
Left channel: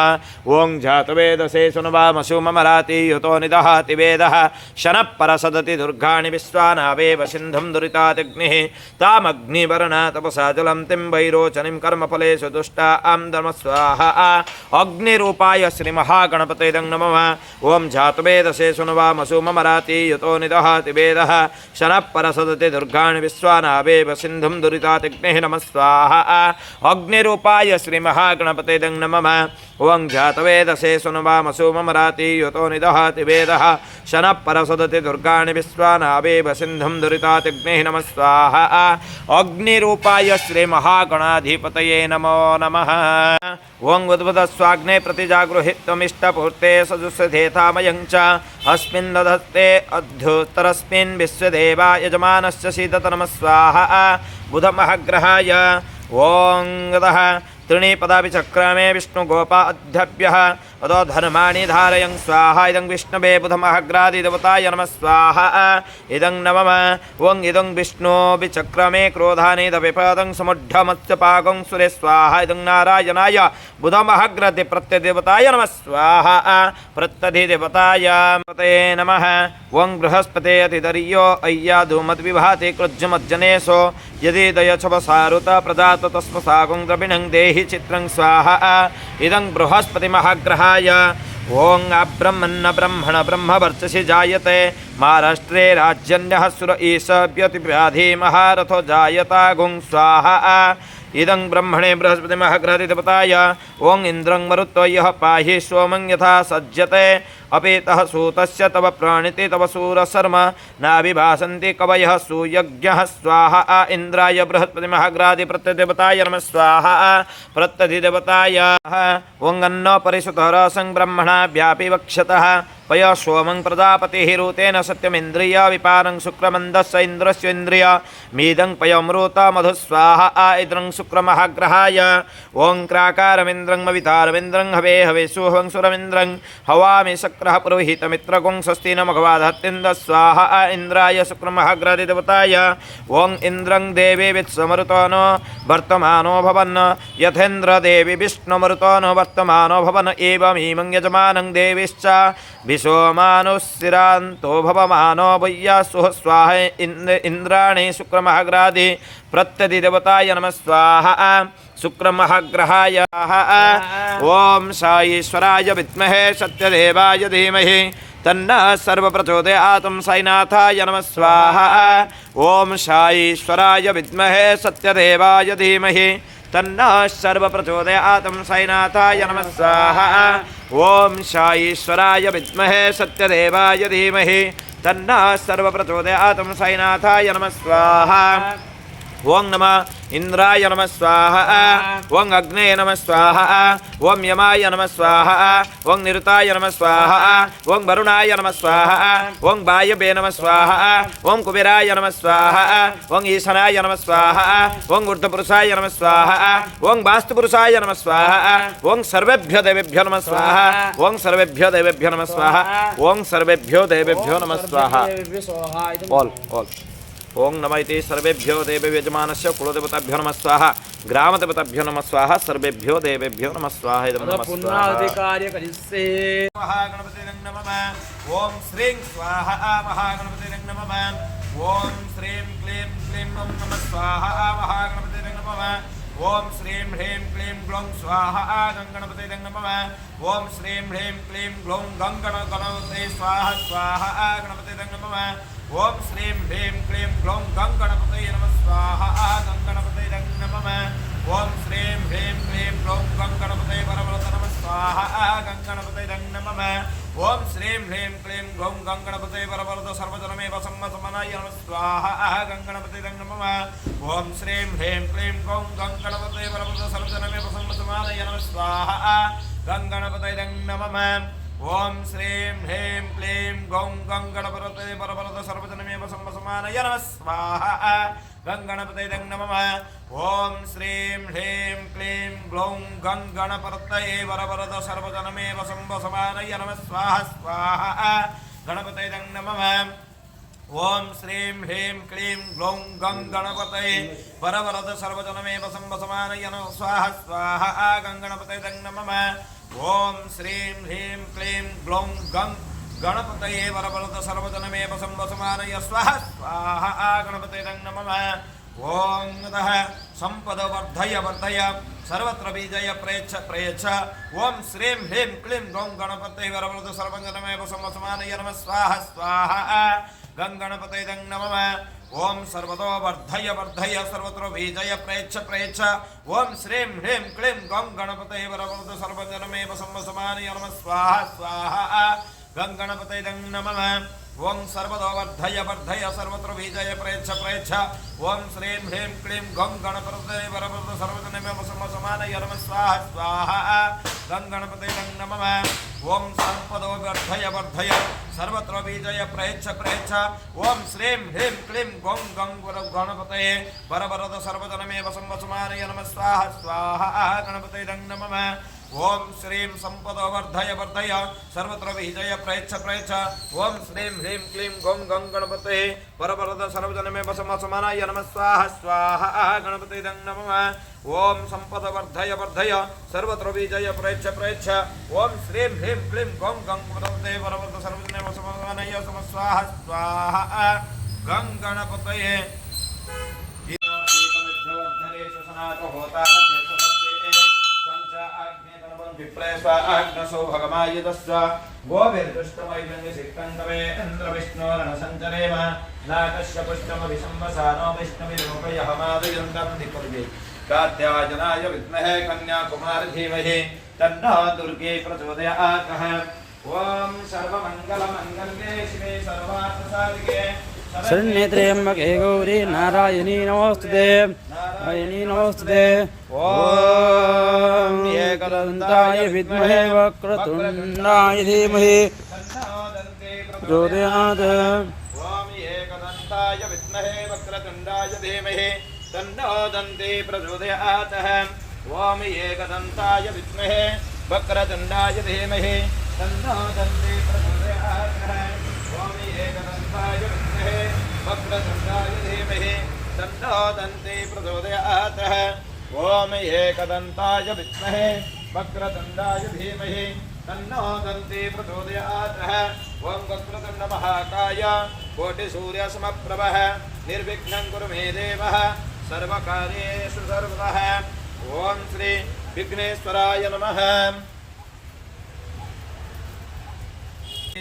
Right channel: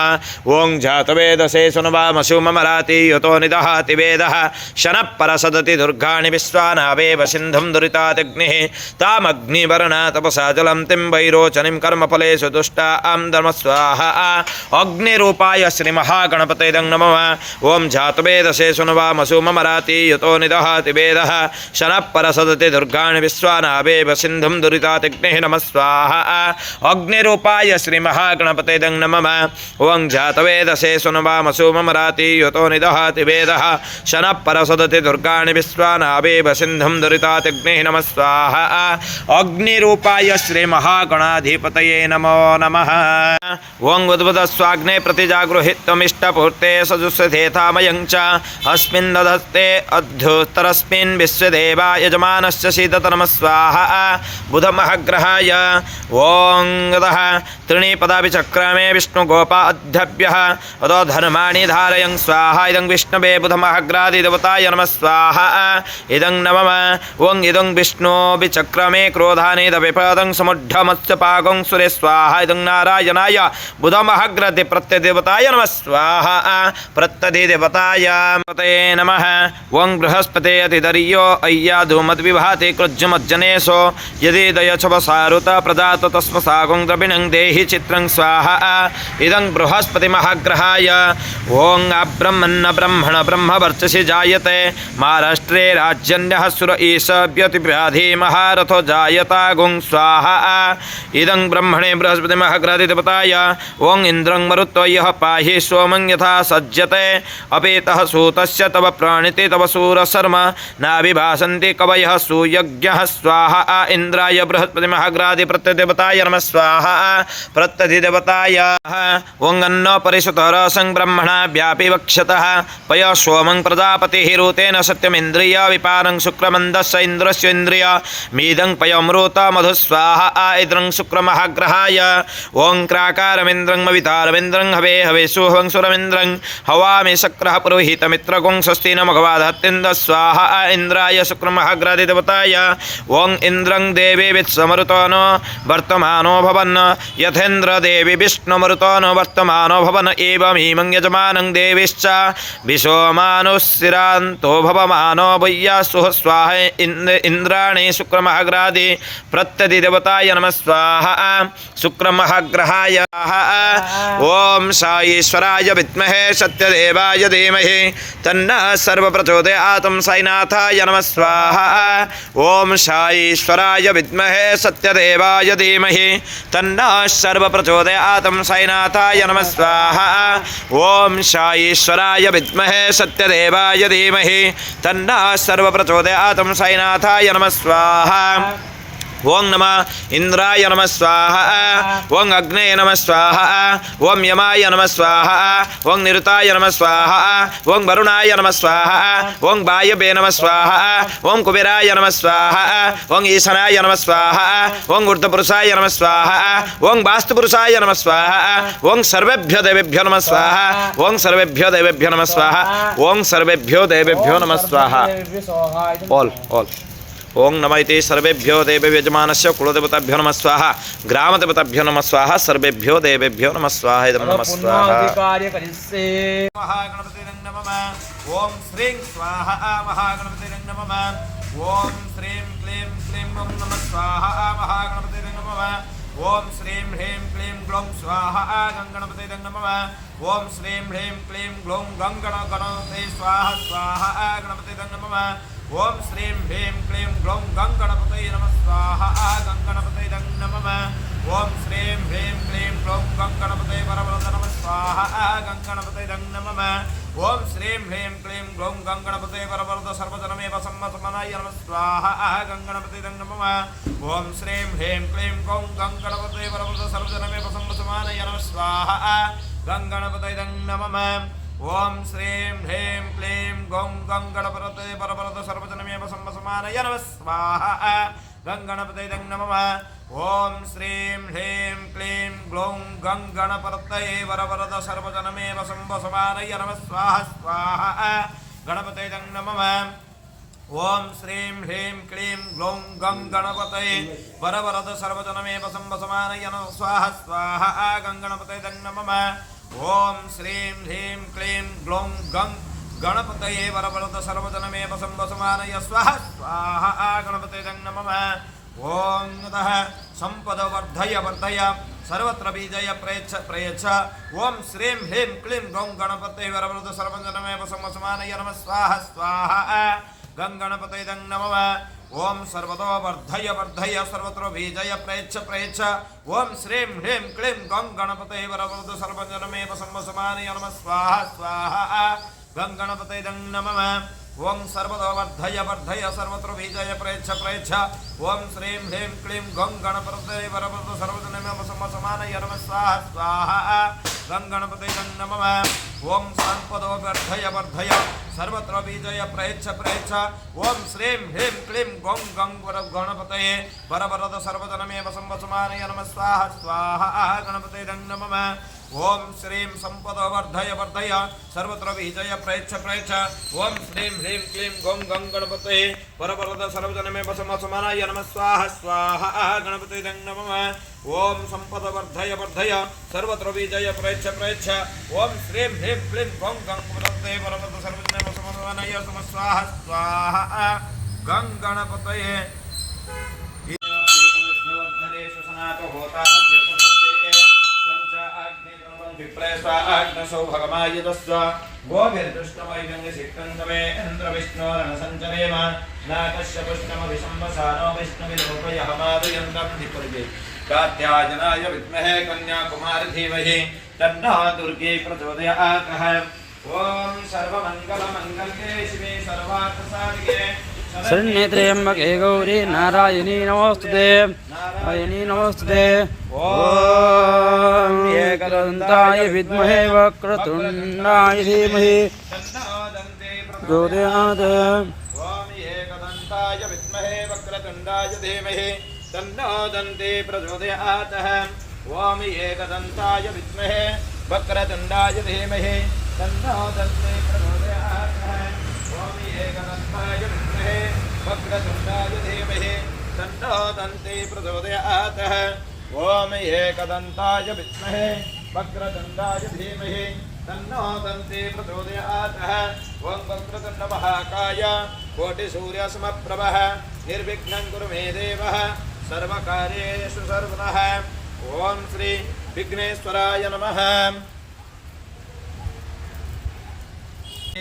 ओं जातवेदसे सुनवामसु ममराति युतो निदहति वेदः शनः परसदति दुर्गाणि विश्वानावेव सिन्धुं दुरितातिग्निः तामग्निवर्णा तपसा जलं तिं वैरोचनीं कर्मफलेषु दुष्टां धर्म स्वाहा। अग्निरूपाय श्रीमहागणपतये इदं नमः। ओं जातवेदसे सुनवामसु ममराति युतो निदहति वेदः शनः परसदति दुर्गाणि विश्वानावेव सिन्धुं दुरितातिग्निः नमः स्वाहा। अग्निरूपाय श्रीमहागणपतये इदं नमः। ओं जातवेदसे सुनवामसु ममराति युतो निदहति वेदः शनः परसदति दुर्गाणि विश्वानावेव सिन्धुं दुरितातिग्निः नमः स्वाहा। अग्निरूपाय श्रीमहागणाधिपतये नमो नमः। ओं उद्भुतस्वाग्ने प्रतिजागृहीत्वमिष्टपूर्ते सजुषधेथामयं च अस्मिन् दधस्ते अध्युत्तरस्मिन् विश्वदेवा यजमानस्य शीतत नमः स्वाहा। बुधमहाग्रहाय। ओं गतः त्रीणि पदापि चक्रमे विष्णुगोपा अध्यभ्यः अतो धर्माणि धारयं स्वाहा। इदं विष्णवे बुधमहाग्रादिदेवताय नमः स्वाहा। इदं नमः। ओं इदं विष्णोभिचक्रमे क्रोधानिदविपदं समुढ्ढमत्स्यपाकं सुरे स्वाहा। इदं नारायणाय बुधमहाग्रादि प्रत्यदेवताय नमः स्वाहा। प्रत्यधिदेवताय नमः। ओं बृहस्पते अतिदर्यो अय्याधूमद्विभाति कृज्जुमज्जनेशो यदि दयच्छवसारुत प्रदात तस्मसागं द्रविणं देहि चित्रं स्वाहा। इदं बृहस्पतिमहाग्रहाय। ओं अब्रह्मन्न ब्रह्मण ब्रह्मवर्चसि जायते महाराष्ट्रे राज्यन्यः सुर ईश व्यतिव्याधि महारथो जायतागुं स्वाहा। इदं ब्रह्मणे बृहस्पतिमहाग्रहादिदेवताय। ओं इन्द्रं मरुत्वा यः पाहि सोमं यथा सज्जते अपेतः सूतस्य तव प्राणिते तव सूरशर्म नाभिभासन्ति कवयः सुयज्ञः स्वाहा। इन्द्राय बृहस्पतिमहाग्रादि प्रत्यदेवताय नमः स्वाहा। प्रत्यधिदेवताय। ओं अन्नो परिसुतरसं ब्रह्मणा व्यापि वक्षतः पय सोमं प्रजापतिः ऋतेन सत्यमिन्द्रिय विपारं शुक्रमन्दस्य इन्द्रस्य इन्द्रिय मीदं पयमृत मधुस्वाहा। इन्द्रं शुक्रमहाग्रहाय। ओं क्राकारमिन्द्रं मवितारमिन्द्रं हवे हवेषु हवं सुरमिन्द्रं हवामि शक्रः पुरोहितमित्रगुं स्वस्ति न मघवाधत्तिन्द स्वाहा। इन्द्राय शुक्रमहाग्रादिदेवताय। ओं इन्द्रं देवे वित्समरुतो नो वर्तमानो भवन् यथा यथेन्द्र देवी विष्णुमरुतो नो वर्तमानो भवन एवमीमं यजमानं देवीश्च विशोमानुस्थिरान्तो भवमानो वय्यासुः स्वाहा इन्द्राणि शुक्रमहाग्रादि प्रत्यधिदेवताय नमः स्वाहा शुक्रमहाग्रहाय ओम साईश्वराय विद्महे सत्यदेवाय धीमहि तन्नः सर्वप्रचोदयात् साईनाथाय नमः स्वाहा ओम साईश्वराय विद्महे सत्यदेवाय धीमहि तन्नः सर्वप्रचोदयात् साईनाथाय नमः स्वाहा ओम साईश्वराय विद्महे सत्यदेवाय धीमहि तन्नः सर्वप्रचोदयात् साईनाथाय नमः स्वाहा ओं नमः इंद्राय नमः स्वाहा ओं अग्ने नमः स्वाहा ओं यमाय नमः स्वाहा ओं निरुताय नमः स्वाहा ओं वरुणाय नमः स्वाहा ओं वायवे नमः स्वाहा ओं कुबेराय नमः स्वाहा ओं ईशानाय नमः स्वाहा ओं ऊर्ध्वपुरुषाय नमः स्वाहा ओं वास्तुपुरुषाय नमः स्वाहा ओं सर्वेभ्यो देवेभ्यो नमः स्वाहा ओं सर्वेभ्यो देवेभ्यो नमः स्वाहा ओं सर्वेभ्यो देवेभ्यो नमः स्वाहा ऑल ओं नमः इति सर्वेभ्यो देवेभ्यो यजमानस्य कुलदेवताभ्यो नमः स्वाहा ग्रामदेवताभ्यो नमः स्वाहा सर्वेभ्यो देवेभ्यो नमः स्वाहा नमः स्वाहा महागणपते नमः ओं श्रीं स्वाहा महागणपते नमः ओं श्रीं क्लीं क्लीं ओं नमः स्वाहा महागणपते नमः ओं श्रीं ह्रीं क्लीं ग्लौं स्वाहा गणपते नमः ओं श्रीं ह्रीं क्लीं ग्लौं गणपते स्वाहा स्वाहा गणपते नमः ओम श्रीं ह्रीं क्लीं ग्लौं गणपतये नमः स्वाहा गणपतये नमः ओम श्रीं ह्रीं क्लीं ग्लौं गणपतये परमरत नमः स्वाहा गणपतये नमः ओम श्रीं ह्रीं क्लीं ग्लौं गणपतये परमरत सर्वजनमेव सम्मतमनाय नमः स्वाहा गणपतये नमः ओम श्रीं ह्रीं क्लीं ग्लौं गणपतये परमरत सर्वजनमेव सम्मतमनाय नमः स्वाहा गणपतये नमः ओम श्रीं ह्रीं क्लीं गौं गणपतये परमरत सर्वजनमेव सम्मतमनाय नमः स्वाहा गणपतये नमः ओम श्रीं ह्रीं क्लीं ग्लौं गणपतये परमरत सर्वजनमेव सम्मतमनाय नमः स्वाहा स्वाहा गणपतये नमः ओम श्रीं ह्रीं क्लीं ग्लौं गणपतये परमरत सर्वजनमेव सम्मतमनाय नमः स्वाहा स्वाहा गणपतये नमः ओम श्रीं ह्रीं क्लीं ग्लौं गणपतये परमरत सर्वजनमेव सम्मतमनाय स्वाहा स्वाहा गणपतये नमः ओं नमः संपद वर्धय वर्धय सर्वत्र बीजय प्रयच्छ ओम श्रीं ह्रीं क्लीं ग्लौं गणपतये परमरत सर्वजनमेव सम्मतमनाय नमः स्वाहा स्वाहा गणपतये नमः ओम सर्वतो वर्धय वर्धय सर्वत्र बीजय प्रयच्छ ओम श्रीं ह्रीं क्लीं गौं गणपतये परमरत सर्वजनमेव सम्मतमनाय नमः स्वाहा स्वाहा गणपतये नमः ओम सर्वतो वर्धय वर्धय सर्वत्र बीजय प्रयच्छ ओम श्रीं ह्रीं क्लीं गौं गणपतये परमरत सर्वजनमेव सम्मतमनाय नमः स्वाहा स्वाहा गणपतये नमः ओम संपदो वर्धय वर्धय सर्वत्र बीजय प्रयच्छ ओम श्रीं ह्रीं क्लीं गौं गणपतये परमरत सर्वजनमेव सम्मतमनाय नमः स्वाहा स्वाहा गणपतये नमः ओम श्रीं संपदो वर्धय वर्धय सर्वत्र बीजय प्रयच्छ ओम श्रीं ह्रीं क्लीं गौं गणपतये परमरत सर्वजनमेव सम्मतमनाय नमः स्वाहा स्वाहा गणपतये नमः ओम संपद वर्धय वर्धय सर्वत्र बीजय प्रयच्छ ओम श्रीं ह्रीं क्लीं गौं गणपतये परमरत सर्वजनमेव सम्मतमनाय नमः स्वाहा स्वाहा गणपतये विप्रेस्वाग्नसो भगमायुधस्व गोभिर्दुष्टमैगङ्गसिक्तन्तवे इन्द्रविष्णोरणसञ्चरेम नाकस्य पुष्टमभिसंवसानो विष्णुविरूपयहमादयन्तं निपुर्वे कात्यायनाय विद्महे कन्याकुमारी धीमहि तन्नो दुर्गे प्रचोदयात् ॐ सर्वमङ्गलमङ्गल्ये शिवे सर्वार्थसाधिके शरण्यत्र्यम्बके गौरी नारायणी नमोस्तुते नारायणी नमोस्तुते ओम एकदन्ताय विद्महे वक्रतुण्डाय धीमहि प्रचोदयात् ओम एकदन्ताय विद्महे वक्रतुण्डाय धीमहि तन्नो दन्ते प्रचोदयात् ओम एकदन्ताय विद्महे वक्रतुण्डाय धीमहि तन्नो दन्ते प्रचोदयात् ओम एकदन्ताय वक्रतुण्डाय धीमहि तन्नो दन्ते प्रचोदयात् ओम एकदन्ताय विद्महे वक्रतुण्डाय धीमहि तन्नो दन्ती प्रचोदयात्। ओम वक्रतुण्ड महाकाय कोटिसूर्यसमप्रभः निर्विघ्नं कुरु मे देव सर्वकार्येषु सर्वतः। ओम श्री विघ्नेश्वराय नमः।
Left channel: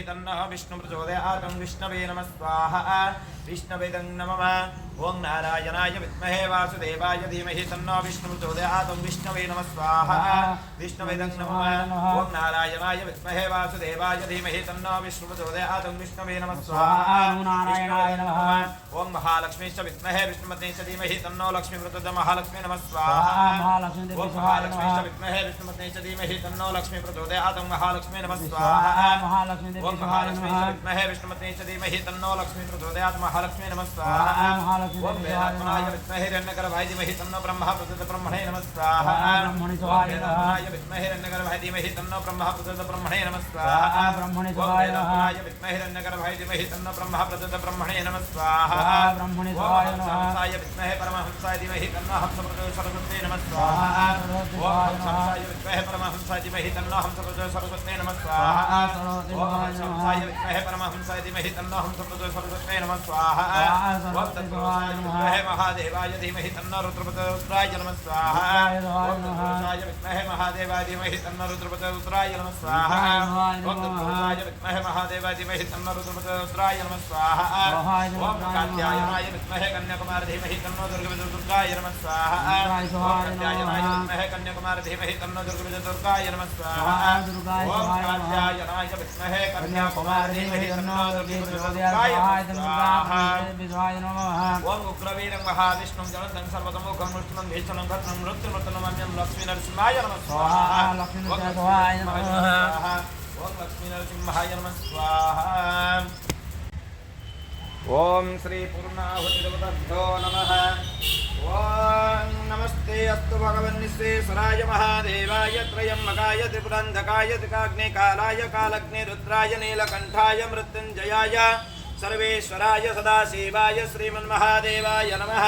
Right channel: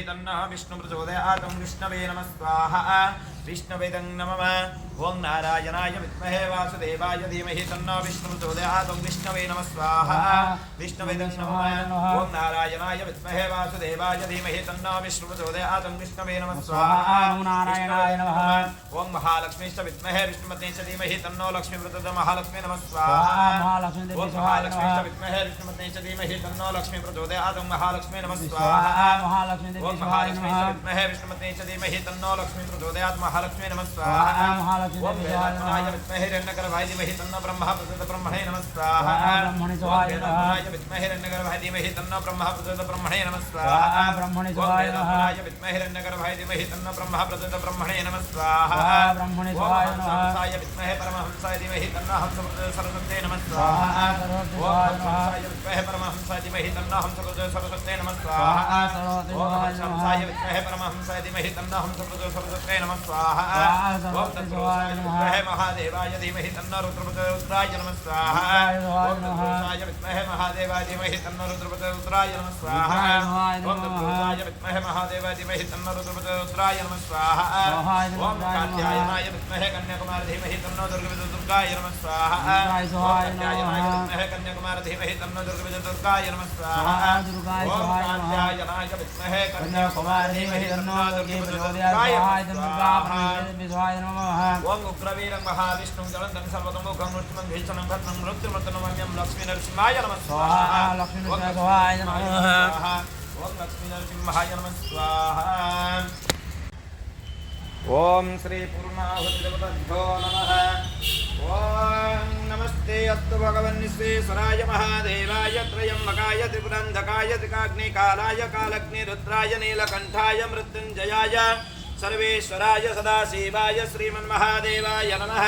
तन्नः विष्णु प्रचोदयात्। विष्णवे नमः स्वाहा। विष्णवेदं नमः। ओं नारायणाय विद्महे वासुदेवाय धीमहि तन्नो विष्णु प्रचोदयात्। विष्णवे नमः स्वाहा। विष्णवेदं नमः। ओं नारायणाय विद्महे वासुदेवाय धीमहि तन्नो विष्णु प्रचोदयात्। विष्णवे नमः स्वाहा। नारायणाय नमः। ओं महालक्ष्मीश्च विद्महे विष्णुपत्नीश्च धीमहि तन्नो लक्ष्मी प्रचोदयात्। महालक्ष्मी नमः स्वाहा। ओं महालक्ष्मीश्च विद्महे विष्णुपत्नीश्च धीमहि तन्नो लक्ष्मी प्रचोदयात्। महालक्ष्मी नमः स्वाहा। ओं महालक्ष्मीश्च विद्महे विष्णुपत्नीश्च धीमहि तन्नो लक्ष्मी प्रचोदयात्। महालक्ष्मी नमः स्वाहा। ओम वेदात्मनाय विद्महे हिरण्यगर्भाय धीमहि तन्नो ब्रह्मा प्रचोदयात्। ब्रह्मणे नमः स्वाहा। ओम वेदात्मनाय विद्महे हिरण्यगर्भाय धीमहि तन्नो ब्रह्मा प्रचोदयात्। ब्रह्मणे नमः स्वाहा। ओम वेदात्मनाय विद्महे हिरण्यगर्भाय धीमहि तन्नो ब्रह्मा प्रचोदयात्। ब्रह्मणे नमः स्वाहा। ओम हंसाय विद्महे परमहंसाय धीमहि तन्नो हंस प्रचोदयात्। सरस्वती नमः स्वाहा। ओम हंसाय विद्महे परमहंसाय धीमहि तन्नो हंस प्रचोदयात्। सरस्वती नमः स्वाहा। ओम हंसाय विद्महे परमहंसाय धीमहि तन्नो हंस प्रचोदयात्। सरस्वती नमः स्वाहा। ओम तत्पुरुषाय विद्महे महादेवाय धीमहि तन्नो रुद्रप्रचोदयात्। नमः स्वाहा। ओम तत्पुरुषाय विद्महे महादेवाय धीमहि तन्नो रुद्रप्रचोदयात्। नमः स्वाहा। ओम तत्पुरुषाय विद्महे महादेवाय धीमहि तन्नो रुद्रप्रचोदयात्। नमः स्वाहा। ओम कात्यायनाय विद्महे कन्याकुमारी धीमहि तन्नो दुर्गाय नमः स्वाहा। ओम कात्यायनाय विद्महे कन्याकुमारी धीमहि तन्नो दुर्गाय नमः स्वाहा। ओम कात्यायनाय विद्महे कन्याकुमारी धीमहि तन्नो दुर्गाय नमः स्वाहा। ओम उग्रवीरं महाविष्णुं जलन्तं सर्वतोमुखं नृसिंहं भीषणं भद्रं मृत्युर्मृत्युर्मम्यं लक्ष्मी नरसिंहाय नमः स्वाहा। ओम लक्ष्मी नरसिंहाय नमः स्वाहा। ओम श्री पूर्णाहुतिदेवताभ्यो नमः। ओम नमस्ते अस्तु भगवन् विश्वेश्वराय महादेवाय त्रयम्बकाय त्रिपुरान्धकाय त्रिकाग्निकालाय कालग्नि रुद्राय नीलकण्ठाय मृत्युञ्जयाय सर्वेश्वराय सदाशिवाय श्रीमन्महादेवाय नमः।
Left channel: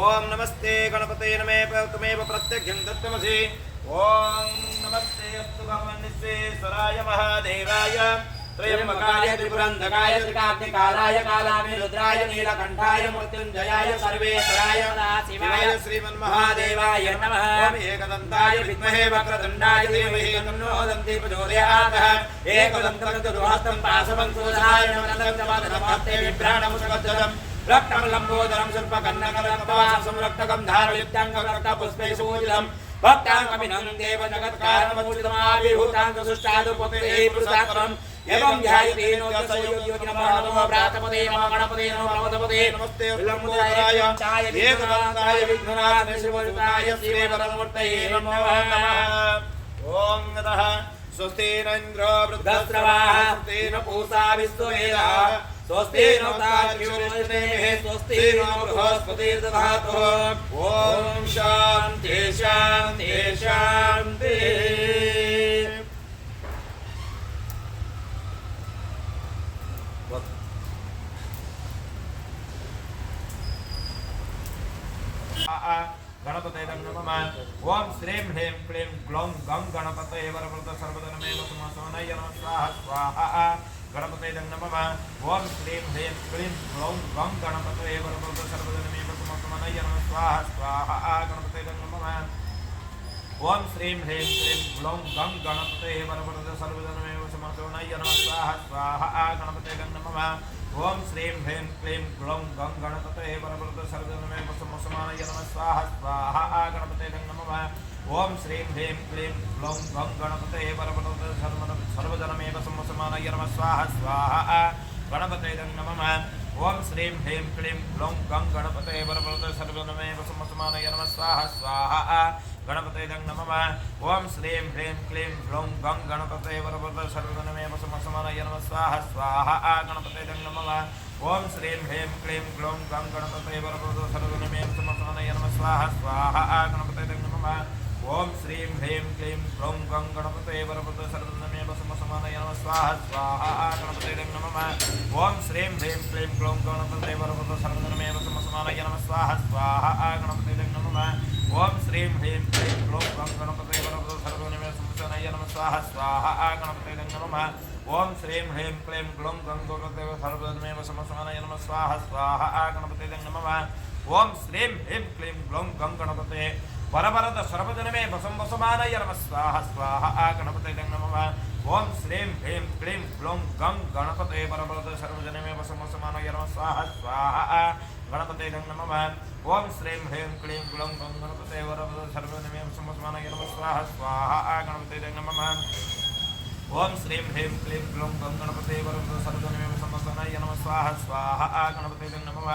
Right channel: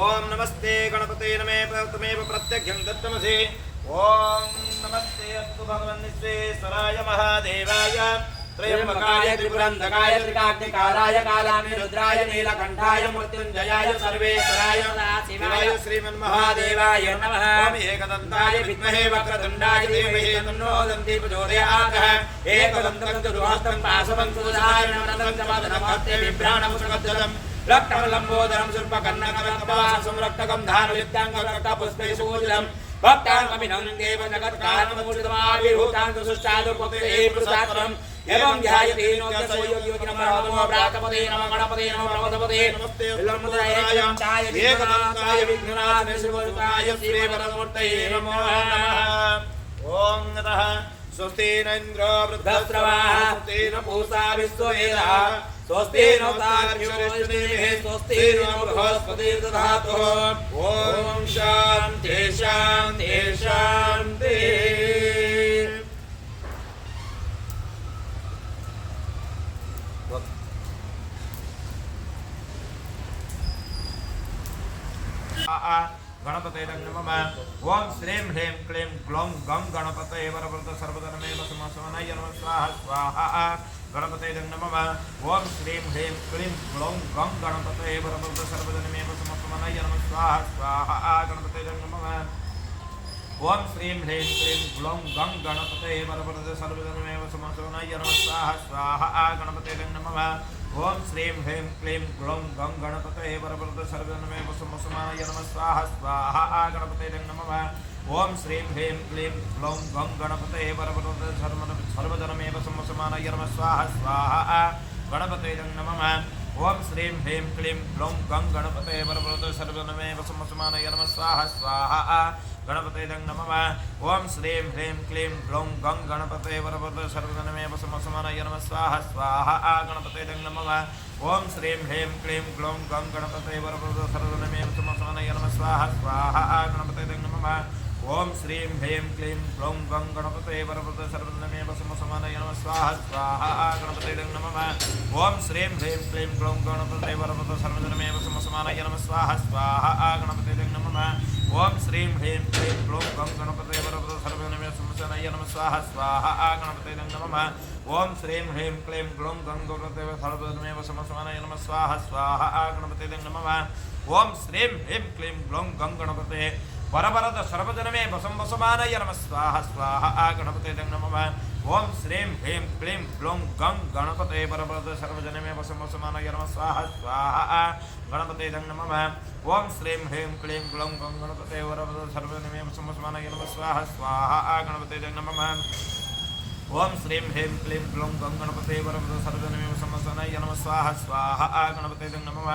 ओम नमस्ते गणपते नमे त्वमेव प्रत्यक्षं दत्तमसि। ओम नमस्ते अस्तु भगवन् विश्वेश्वराय महादेवाय त्रयम्बकाय त्रिपुरान्धकाय त्रिकाग्निकालाय कालाग्नि रुद्राय नीलकण्ठाय मृत्युञ्जयाय सर्वेश्वराय सदाशिवाय श्रीमन्महादेवाय नमः। ओम एकदन्ताय विद्महे वक्रतुण्डाय धीमहि तन्नो दन्ती प्रचोदयात्। एकदन्तं चतुर्हस्तं पाशवं सुदर्शनं नमस्ते बिभ्राणं सुगद्धं रक्तं लम्बोदरं सर्पकर्णकरत्नवासं रक्तकं धारयुक्ताङ्गं रक्तपुष्पे सुपूजितं भक्ताङ्गमिनं देव जगत्कारणमूर्तितमाविर्भूतां सुष्ठादुपते पुरुषात्मम् एवं ध्यायते योगिनमो व्रातपदे नमः गणपते नमः प्रमदपदे नमस्ते विलम्बोदराय एकदन्ताय विघ्ननाथाय शिवयुताय श्रीवरमूर्तये नमो नमः। ओम गतः स्वस्ति न इन्द्रो वृद्धश्रवाः स्वस्ति न पूषा विश्ववेदाः स्वस्ति नो तार्क्ष्योऽरिष्टनेमिः स्वस्ति नो बृहस्पतिर्दधातु। ओम शान्ति शान्ति शान्ति। गणपते नमः। ओम श्रीं ह्रीं क्लीं ग्लौं गं गणपतये वरवरद सर्वधनमेव समसवनाय नमः स्वाहा स्वाहा। गणपते नमः। ओम श्रीं ह्रीं क्लीं ग्लौं गं गणपतये वरवरद सर्वधनमेव समसवनाय नमः स्वाहा स्वाहा। गणपते नमः। ओम श्रीं ह्रीं क्लीं ग्लौं गं गणपतये वरवरद सर्वधनमेव समसवनाय नमः स्वाहा स्वाहा। गणपते नमः। ओम श्रीं ह्रीं क्लीं ग्लौं गं गणपतये वरवरद सर्वधनमेव समसवनाय नमः स्वाहा स्वाहा। गणपते नमः। ओम श्रीं ह्रीं क्लीं ग्लौं गं गणपतये वरवरद सर्वधनमेव समसवनाय नमः स्वाहा स्वाहा। गणपते नमः। ओम श्रीं ह्रीं क्लीं ग्लौं गं गणपतये वरवरद सर्वधनमेव समसवनाय नमः स्वाहा स्वाहा। गणपते नमः। ओम श्रीं ह्रीं क्लीं ग्लौं गं गणपतये वरवरद सर्वधनमेव समसवनाय नमः स्वाहा स्वाहा। गणपते नमः। ओम श्रीं ह्रीं क्लीं ग्लौं गं गणपतये वरवरद सर्वधनमेव समसवनाय नमः स्वाहा स्वाहा। गणपते नमः। ओम श्रीं ह्रीं क्लीं ग्लौं गं गणपतये वरवरद सर्वधनमेव समसवनाय नमः स्वाहा स्वाहा। गणपते नमः। ओम श्रीं ह्रीं क्लीं ग्लौं गणपतये वरवरद सर्वधनमेव समसवनाय नमः स्वाहा स्वाहा। गणपते नमः। ओम श्रीं ह्रीं क्लीं ग्लौं गं गणपते वरवरद सर्वजनमे संवत्सराय नमः स्वाहा स्वाहा गणपते नमः ओम श्रीं ह्रीं क्लीं ग्लौं गं गणपते सर्वजनमे संवत्सराय नमः स्वाहा स्वाहा गणपते नमः ओम श्रीं ह्रीं क्लीं ग्लौं गं गणपते वरवरद सर्वजनमे संवत्सराय नमः स्वाहा स्वाहा गणपते नमः ओम श्रीं ह्रीं क्लीं ग्लौं गं गणपते वरवरद सर्वजनमे संवत्सराय नमः स्वाहा स्वाहा गणपते नमः ओम श्रीं ह्रीं क्लीं ग्लौं गं गणपते वरवरद सर्वजनमे संवत्सराय नमः स्वाहा स्वाहा गणपते नमः ओम श्रीं ह्रीं क्लीं ग्लौं गं गणपते वरवरद सर्वजनमे संवत्सराय नमः स्वाहा स्वाहा गणपते नमः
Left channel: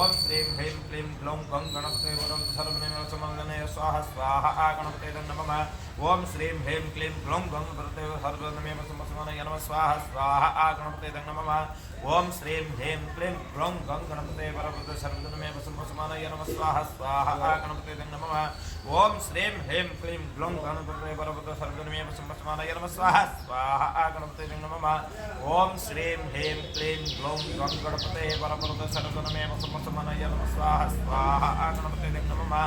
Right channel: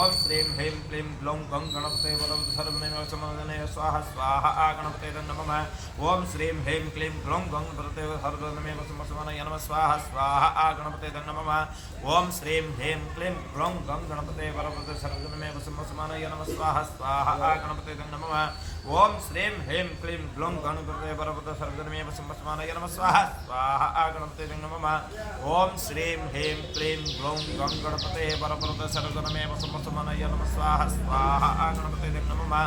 ओम श्रीं ह्रीं क्लीं ग्लौं गं गणपते वरवरद सर्वजनमे संवत्सराय स्वाहा स्वाहा गणपते नमः ओम श्रीं ह्रीं क्लीं ग्लौं गं गणपते सर्वजनमे संवत्सराय नमः स्वाहा स्वाहा गणपते नमः ओम श्रीं ह्रीं क्लीं ग्लौं गं गणपते वरवरद सर्वजनमे संवत्सराय नमः स्वाहा स्वाहा गणपते नमः ओम श्रीं ह्रीं क्लीं ग्लौं गणपते वरवरद सर्वजनमे संवत्सराय नमः स्वाहा स्वाहा गणपते नमः ओम श्रीं ह्रीं क्लीं ग्लौं गं गणपते वरवरद सर्वजनमे संवत्सराय नमः स्वाहा स्वाहा गणपते नमः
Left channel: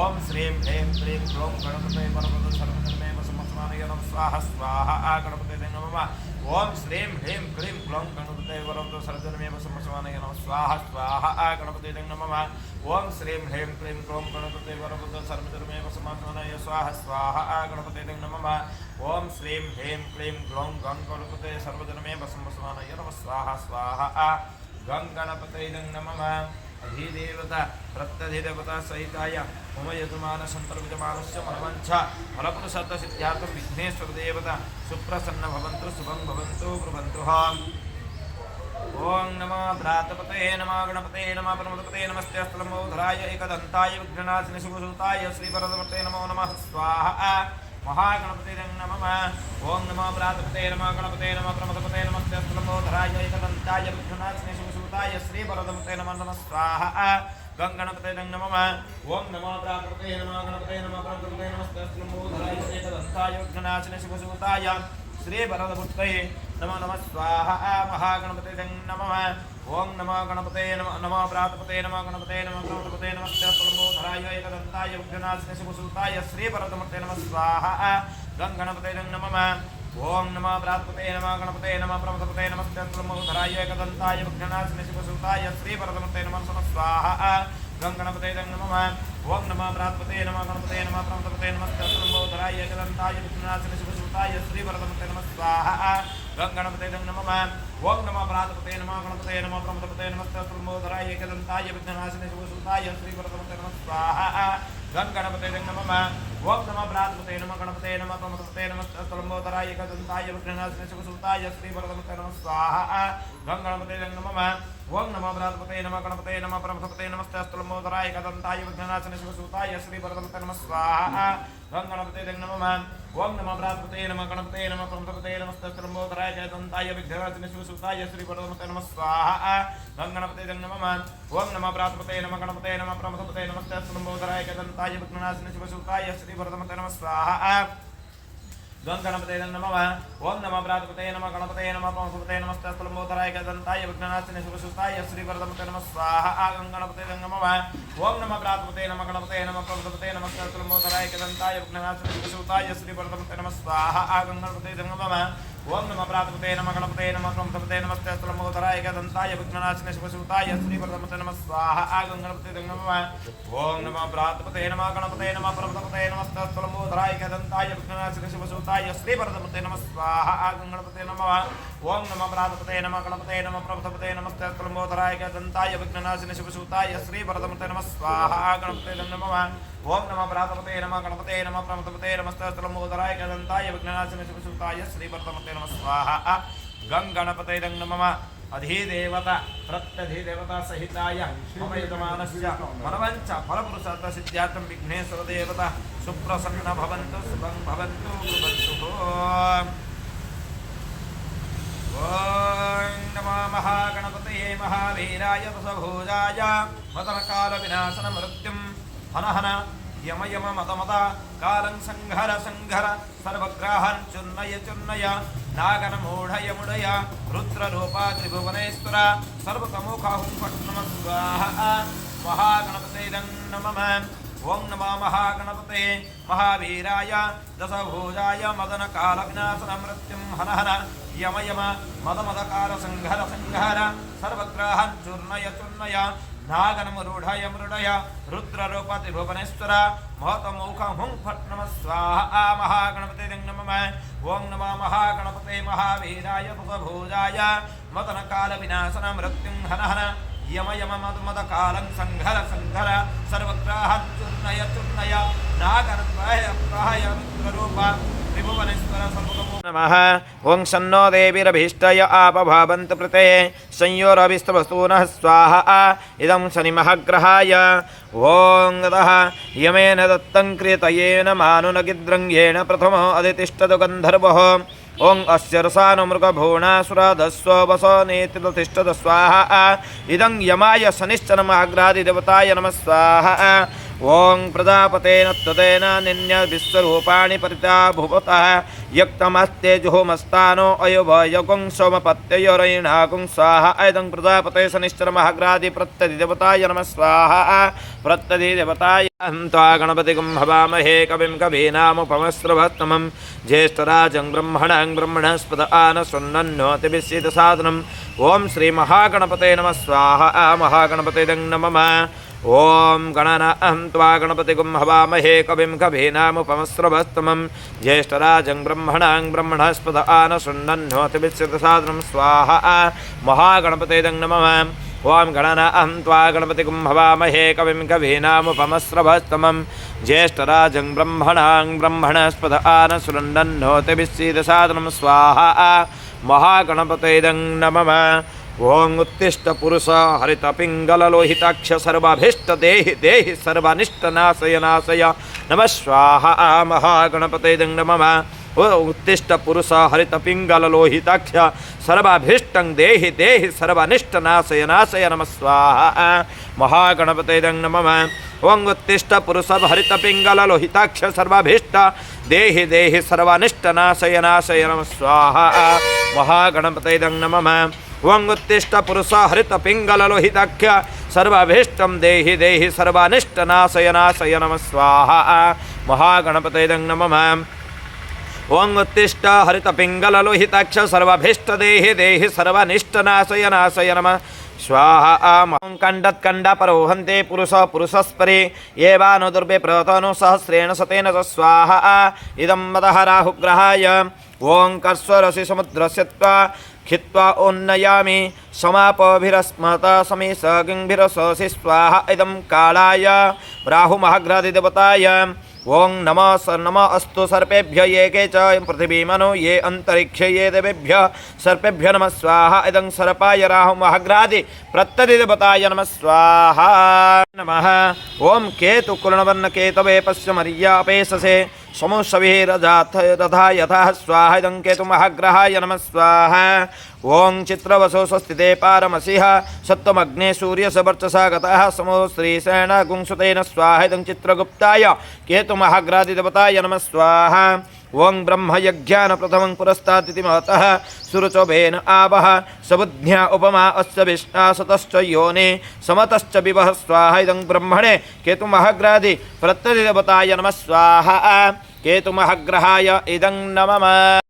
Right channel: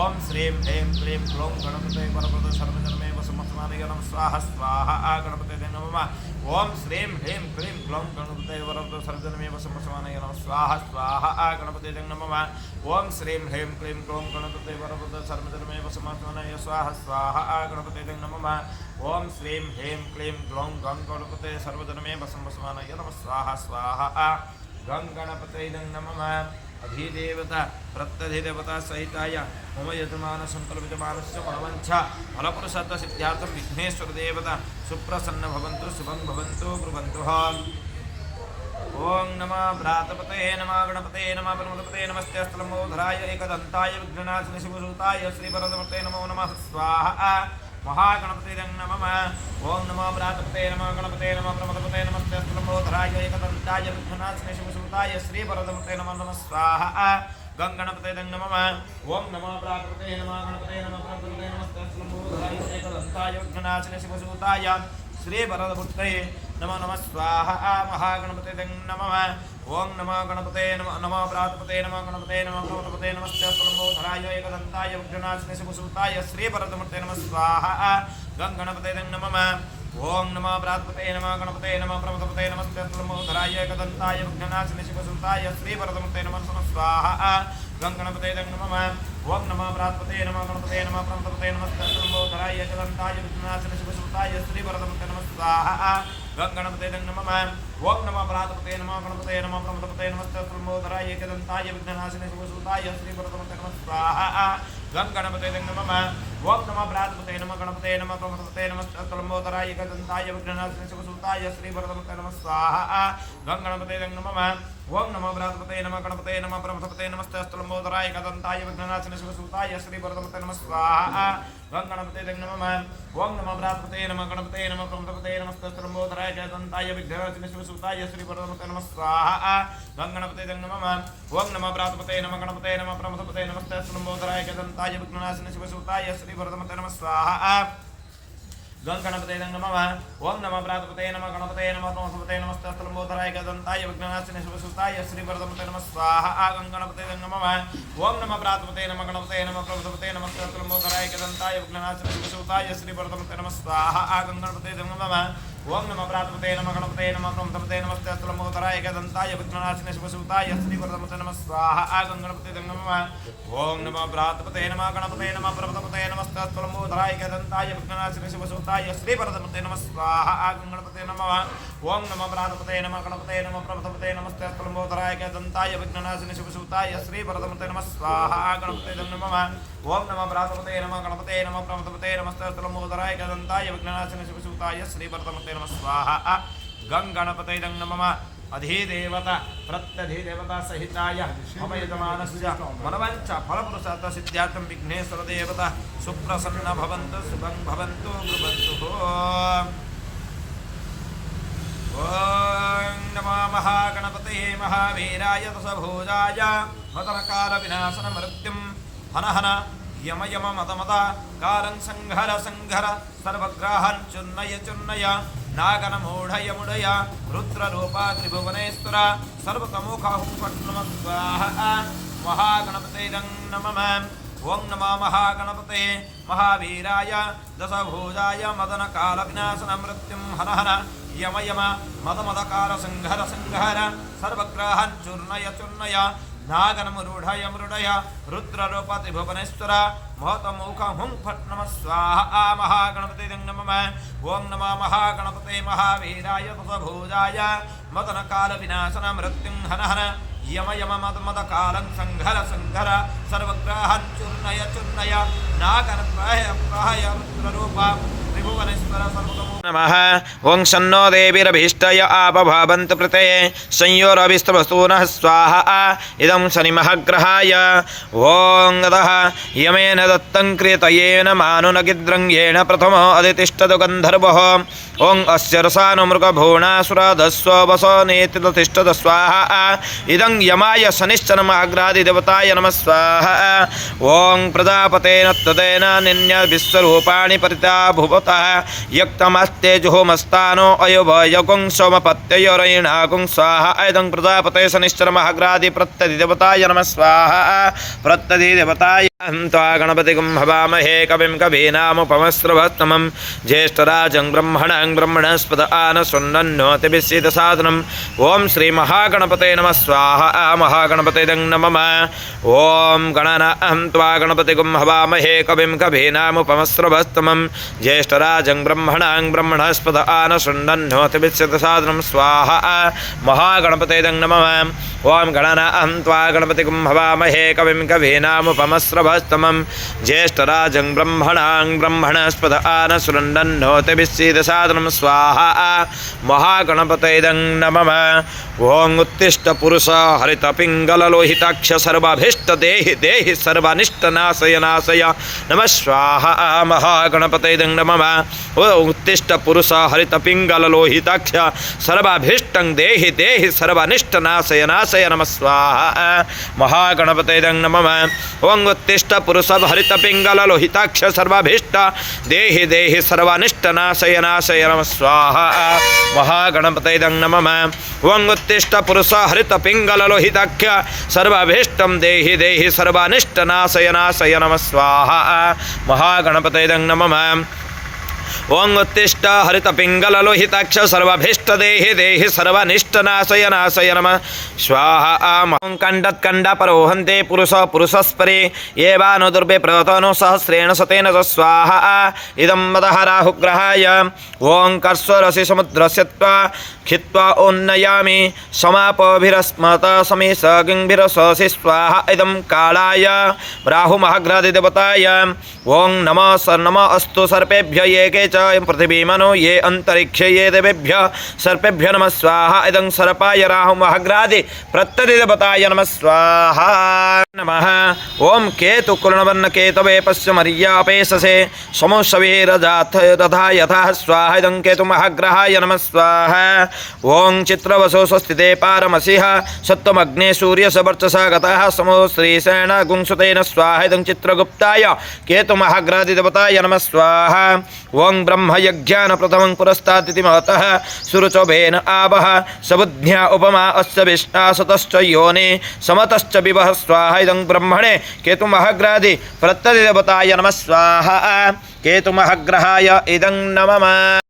ओम श्रीं ह्रीं क्लीं ग्लौं गणपते वरवरद सर्वजनमे संवत्सराय नमः स्वाहा स्वाहा गणपते नमः ओम श्रीं ह्रीं क्लीं ग्लौं गणपते वरवरद सर्वजनमे संवत्सराय नमः स्वाहा स्वाहा गणपते नमः ओम श्रीं ह्रीं क्लीं ग्लौं गणपते वरवरद सर्वजनमे संवत्सराय स्वाहा स्वाहा गणपते नमः ओम श्रीं ह्रीं क्लीं ग्लौं गं गणपते सर्वजनमे संवत्सराय नमः स्वाहा स्वाहा गं गणपते नमः अधिदेवता प्रत्यधिदेवता सहिताय मम यजमान संकल्पितमानस्य मनवंचा फलपुरुषार्थ सिद्ध्यार्थं विघ्नेश्वर देवता सुप्रसन्न भवन्तु शुभं भवन्तु ब्रुवन्तु ओं नमः भ्रातपते नमः गणपते नमः परमपते नमस्ते स्थलम्बोधराय एकदन्ताय विघ्ननाशिने शिवसुताय श्रीवरदमूर्ते नमो नमः स्वाहा महागणपते नमः ओं नमः भ्रातपते नमः गणपते नमः परमपते नमस्ते स्थलम्बोधराय एकदन्ताय विघ्ननाशिने शिवसुताय श्रीवरदमूर्ते नमो नमः स्वाहा गंगणपते नमः ओं नमः भ्रातपते नमः गणपते नमः परमपते नमस्ते स्थलम्बोधराय एकदन्ताय विघ्ननाशिने शिवसुताय श्री वरदमूर्ते नमो नमः स्वाहा महागणपते नमः ओं नमः गणपते नमः भ्रातपते नमः गणपते नमः प्रमथपते नमस्ते स्थलम्बोधराय एकदन्ताय विघ्ननाशिने शिवसुताय श्री वरदमूर्ते नमः स्वाहा गंगणपते नमः ओं नमः भ्रातपते नमः गणपते नमः प्रमथपते नमस्ते स्थलम्बोधराय एकदन्ताय विघ्ननाशिने शिवसुताय श्री वरदमूर्ते नमः स्वाहा गंगणपते नमः ओं नमः भ्रातपते नमः गणपते नमः प्रमथपते नमस्ते स्थलम्बोधराय एकदन्ताय विघ्ननाशिने शिवसुताय श्री वरदमूर्ते नमः स्वाहा गंगणपते नमः ओं नमः भ्रातपते नमः गणपते नमः प्रमथपते नमस्ते स्थलम्बोधराय एकदन्ताय विघ्ननाशिने शिवसुताय श्री वरदमूर्ते नमः स्वाहा गंगणपते नमः ओं नमः भ्रातपते नमः गणपते नमः प्रमथपते नमस्ते स्थलम्बोधराय एकदन्ताय विघ्ननाशिने शिवसुताय श्री वरदमूर्ते नमः स्वाहा गंगणपते नमः ओं नमः भ्रातपते नमः गणपते नमः प्रमथपते नमस्ते स्थलम्बोधराय एकदन्ताय विघ्ननाशिने शिवसुताय श्री वरदमूर्ते नमः स्वाहा गंगणपते नमः ओं नमः भ्रातपते नमः गणपते नमः प्रमथपते नमस्ते स्थलम्बोधराय एकदन्ताय विघ्ननाशिने शिवसुताय श्री वरदमूर्ते नमः स्वाहा गंगणपते नमः ओं नमः भ्रातपते नमः गणपते नमः प्रमथपते नमस्ते स्थलम्बोधराय एकदन्ताय विघ्ननाशिने शिवसुताय श्री वरदमूर्ते नमः स्वाहा गंगणपते नमः ओं नमः भ्रातपते नमः गणपते नमः प्रमथपते नमस्ते स्थलम्बोधराय एकदन्ताय विघ्ननाशिने शिवसुताय श्री वरदमूर्ते नमः स्वाहा गंगणपते नमः ओं नमः भ्रातपते नमः गणपते नमः प्रमथपते नमस्ते स्थलम्बोधराय एकदन्ताय विघ्ननाशिने शिवसुताय श्री वरदमूर्ते नमः स्वाहा गंगणपते नमः ओं नमः भ्रातपते नमः गणपते नमः प्रमथपते नमस्ते स्थलम्बोधराय एकदन्ताय विघ्ननाशिने शिवसुताय श्री वरदमूर्ते नमः स्वाहा गंगणपते नमः ओं नमः भ्रातपते नमः गणपते नमः प्रमथपते नमस्ते स्थलम्बोधराय एकदन्ताय विघ्ननाशिने शिवसुताय श्री वरदमूर्ते नमः स्वाहा गंगणपते नमः ओं नमः भ्रातपते नमः गणपते नमः प्रमथपते नमस्ते स्थलम्बोधराय एकदन्ताय विघ्ननाशिने शिवसुताय श्री वरदमूर्ते नमः स्वाहा गणपते नमः ओं नमः भ्रातपते नमः गणपते नमः प्रमथपते नमस्ते स्थलम्बोधराय एकदन्ताय विघ्ननाशिने शिवसुताय श्री वरदमूर्ते नमः स्वाहा गंगणपते नमः अधिदेवता प्रत्यधिदेवता सहिताय मम यजमानस्य मनवंच फलपुरुषार्थ सिद्ध्यार्थं विघ्नेश्वर देवता सुप्रसन्न भवन्तु शुभं भवन्तु ब्रुवन्तु ओं नमो महागणपतये महावीराय दशभुजाय वदनकालविनाशन मृत्युं हनहन यम यम मद मद कालं संघर संघर सर्वग्राहान् चुन्नय चुन्नय नागन मूढय मुडय रुद्ररूपा त्रिभुवनेश्वर सर्वतमोखाहुं फट् नमः स्वाहा महागणपते नमः ओं नमो महागणपते महावीराय दशभुजाय मदनकालविनाशन मृत्युं हर हर यम यम मद मदकाल संहर संहर सर्वग्रहान् चूर्णय चूर्णय नागनमरूढय मृडय रुद्ररूपतिभुवनेश्वर महतमौख हुं फट् नमः स्वाहा महागणपते नमः ओं नमो महागणपते महावीराय दशभुजाय मदनकालविनाशन मृत्युं हर हर यम यम मद मदकालं संहर संहर सर्वग्रहान् चूर्णय चूर्णय नागनत्रय प्रहय रुद्ररूप त्रिभुवनेश्वर सर्वतमो नमः ओं शन्नो देवीरभीष्टय आपभावन्तु प्रते संयोरभिस्तवस्तूनः स्वाहा इदं शनिमहाग्रहाय ओं अतः यमेन दत्तं क्रियतयेन मानुनगिद्रङ्गेण प्रथमो अधितिष्ठतु गन्धर्वः ओं अस्य रसानुमृगभुवनासुराधस्व वसनेति प्रतिष्ठत स्वाहा इदं यमाय शनिश्चरमहाग्रादिदेवताय नमः स्वाहा ओं प्रजापतेन तदेन निन्य विश्वरूपाणि परिता भुवतः यक्तमस्तेजुहोमस्तानो अयोभयगुं सोमपत्ययोरयिणागुं स्वाहा इदं प्रजापते शनिश्चरमहाग्रादि प्रत्यधिदेवताय नमः स्वाहा प्रत्यधिदेवताय त्वा गणपतिगुं हवामहे कविं कवीनामुपमस्रवत्तमं ज्येष्ठराजं ब्रह्मणां ब्रह्मणस्पद आनशृण्वन्नोतिभिस्सिद्धसाधनम् ॐ श्रीमहागणपते नमः स्वाहा महागणपते नमः ॐ गणनां त्वा गणपतिगुं हवामहे कविं कवीनामुपमस्रवत्तमं ज्येष्ठराजं ब्रह्मणां ब्रह्मणस्पद आनशृण्वन्नोतिभिस्सिद्धसाधनं स्वाहा महागणपते नमः ॐ गणनां त्वा गणपतिगुं हवामहे कविं कवीनामुपमस्रवत्तमं ज्येष्ठराजं ब्रह्मणां ब्रह्मणस्पद आनशृण्वन्नोतिभिस्सिद्धसाधनं स्वाहा महागणपते नमः ओं उत्तिष्ठ पुरुष हरित पिंगल लोहिताक्ष सर्वाभीष्ट देहि देहि सर्वानिष्टनाशय नाशय नमः स्वाहा महागणपते नमः उत्तिष्ठ पुरुष हरित पिंगल लोहिताक्ष सर्वाभीष्टं देहि देहि सर्वानिष्टनाशय नाशय नमः स्वाहा महागणपते नमः ओं उत्तिष्ठ पुरुष हरित पिंगल लोहिताक्ष सर्वाभीष्ट देहि देहि सर्वानिष्टनाशय नाशय नमः स्वाहा महागणपते नमः ओं उत्तिष्ठ पुरुष हरित पिंगल लोहिताख्य सर्वाभीष्टं देहि देहि सर्वानिष्टनाशय नाशय नमः स्वाहा महागणपते नमः ओं उत्तिष्ठ हरित पिंगल लोहिताक्ष सर्वाभीष्ट देहि देहि सर्वानिष्टनाशय नाशय नमः स्वाहा कंडत्कंड परोहन्ते पुरुष पुरुषस्परे एवानो दुर्भे प्रतनो सहस्रेण शतेन च स्वाहा इदं मदः राहुग्रहाय ओं कर्स्वरसि समुद्रस्य त्वा खित्वा उन्नयामि समापभिरस्मत समेश गिंभिरससि स्वाहा इदं कालाय राहुमहाग्रहदेवताय ओं नमः अस्तु सर्पेभ्य एके च पृथिवीमनो ये अंतरिक्षे ये देवेभ्य सर्पेभ्य नमः स्वाहा इदं सर्पाय राहुमहाग्रहादि प्रत्यधिदेवताय नमः स्वाहा नमः ओं केतुकुलवर्ण केतवे पश्चिमर्यापेशसे समोषवीरजाथ रथा यथा स्वाहा इदं केतुमहाग्रहाय नमः स्वाहा ओं चित्रवसो स्वस्तिते पारमसिह सत्त्वमग्ने सूर्यसवर्चसा गतः समो श्रीसेन गुंसुतेन स्वाहा इदं चित्रगुप्ताय केतुमहाग्रहादिदेवताय नमः स्वाहा ओं ब्रह्मयज्ञान प्रथमं पुरस्तादिति महतः सुरुचोभेन आवह सबुद्ध्या उपमा अस्य विष्णा सतश्च योनि समतश्च विवह स्वाहा इदं ब्रह्मणे केतुमहाग्रहादि प्रत्यधिदेवताय नमः स्वाहा केतुमहाग्रहाय इदं नमः।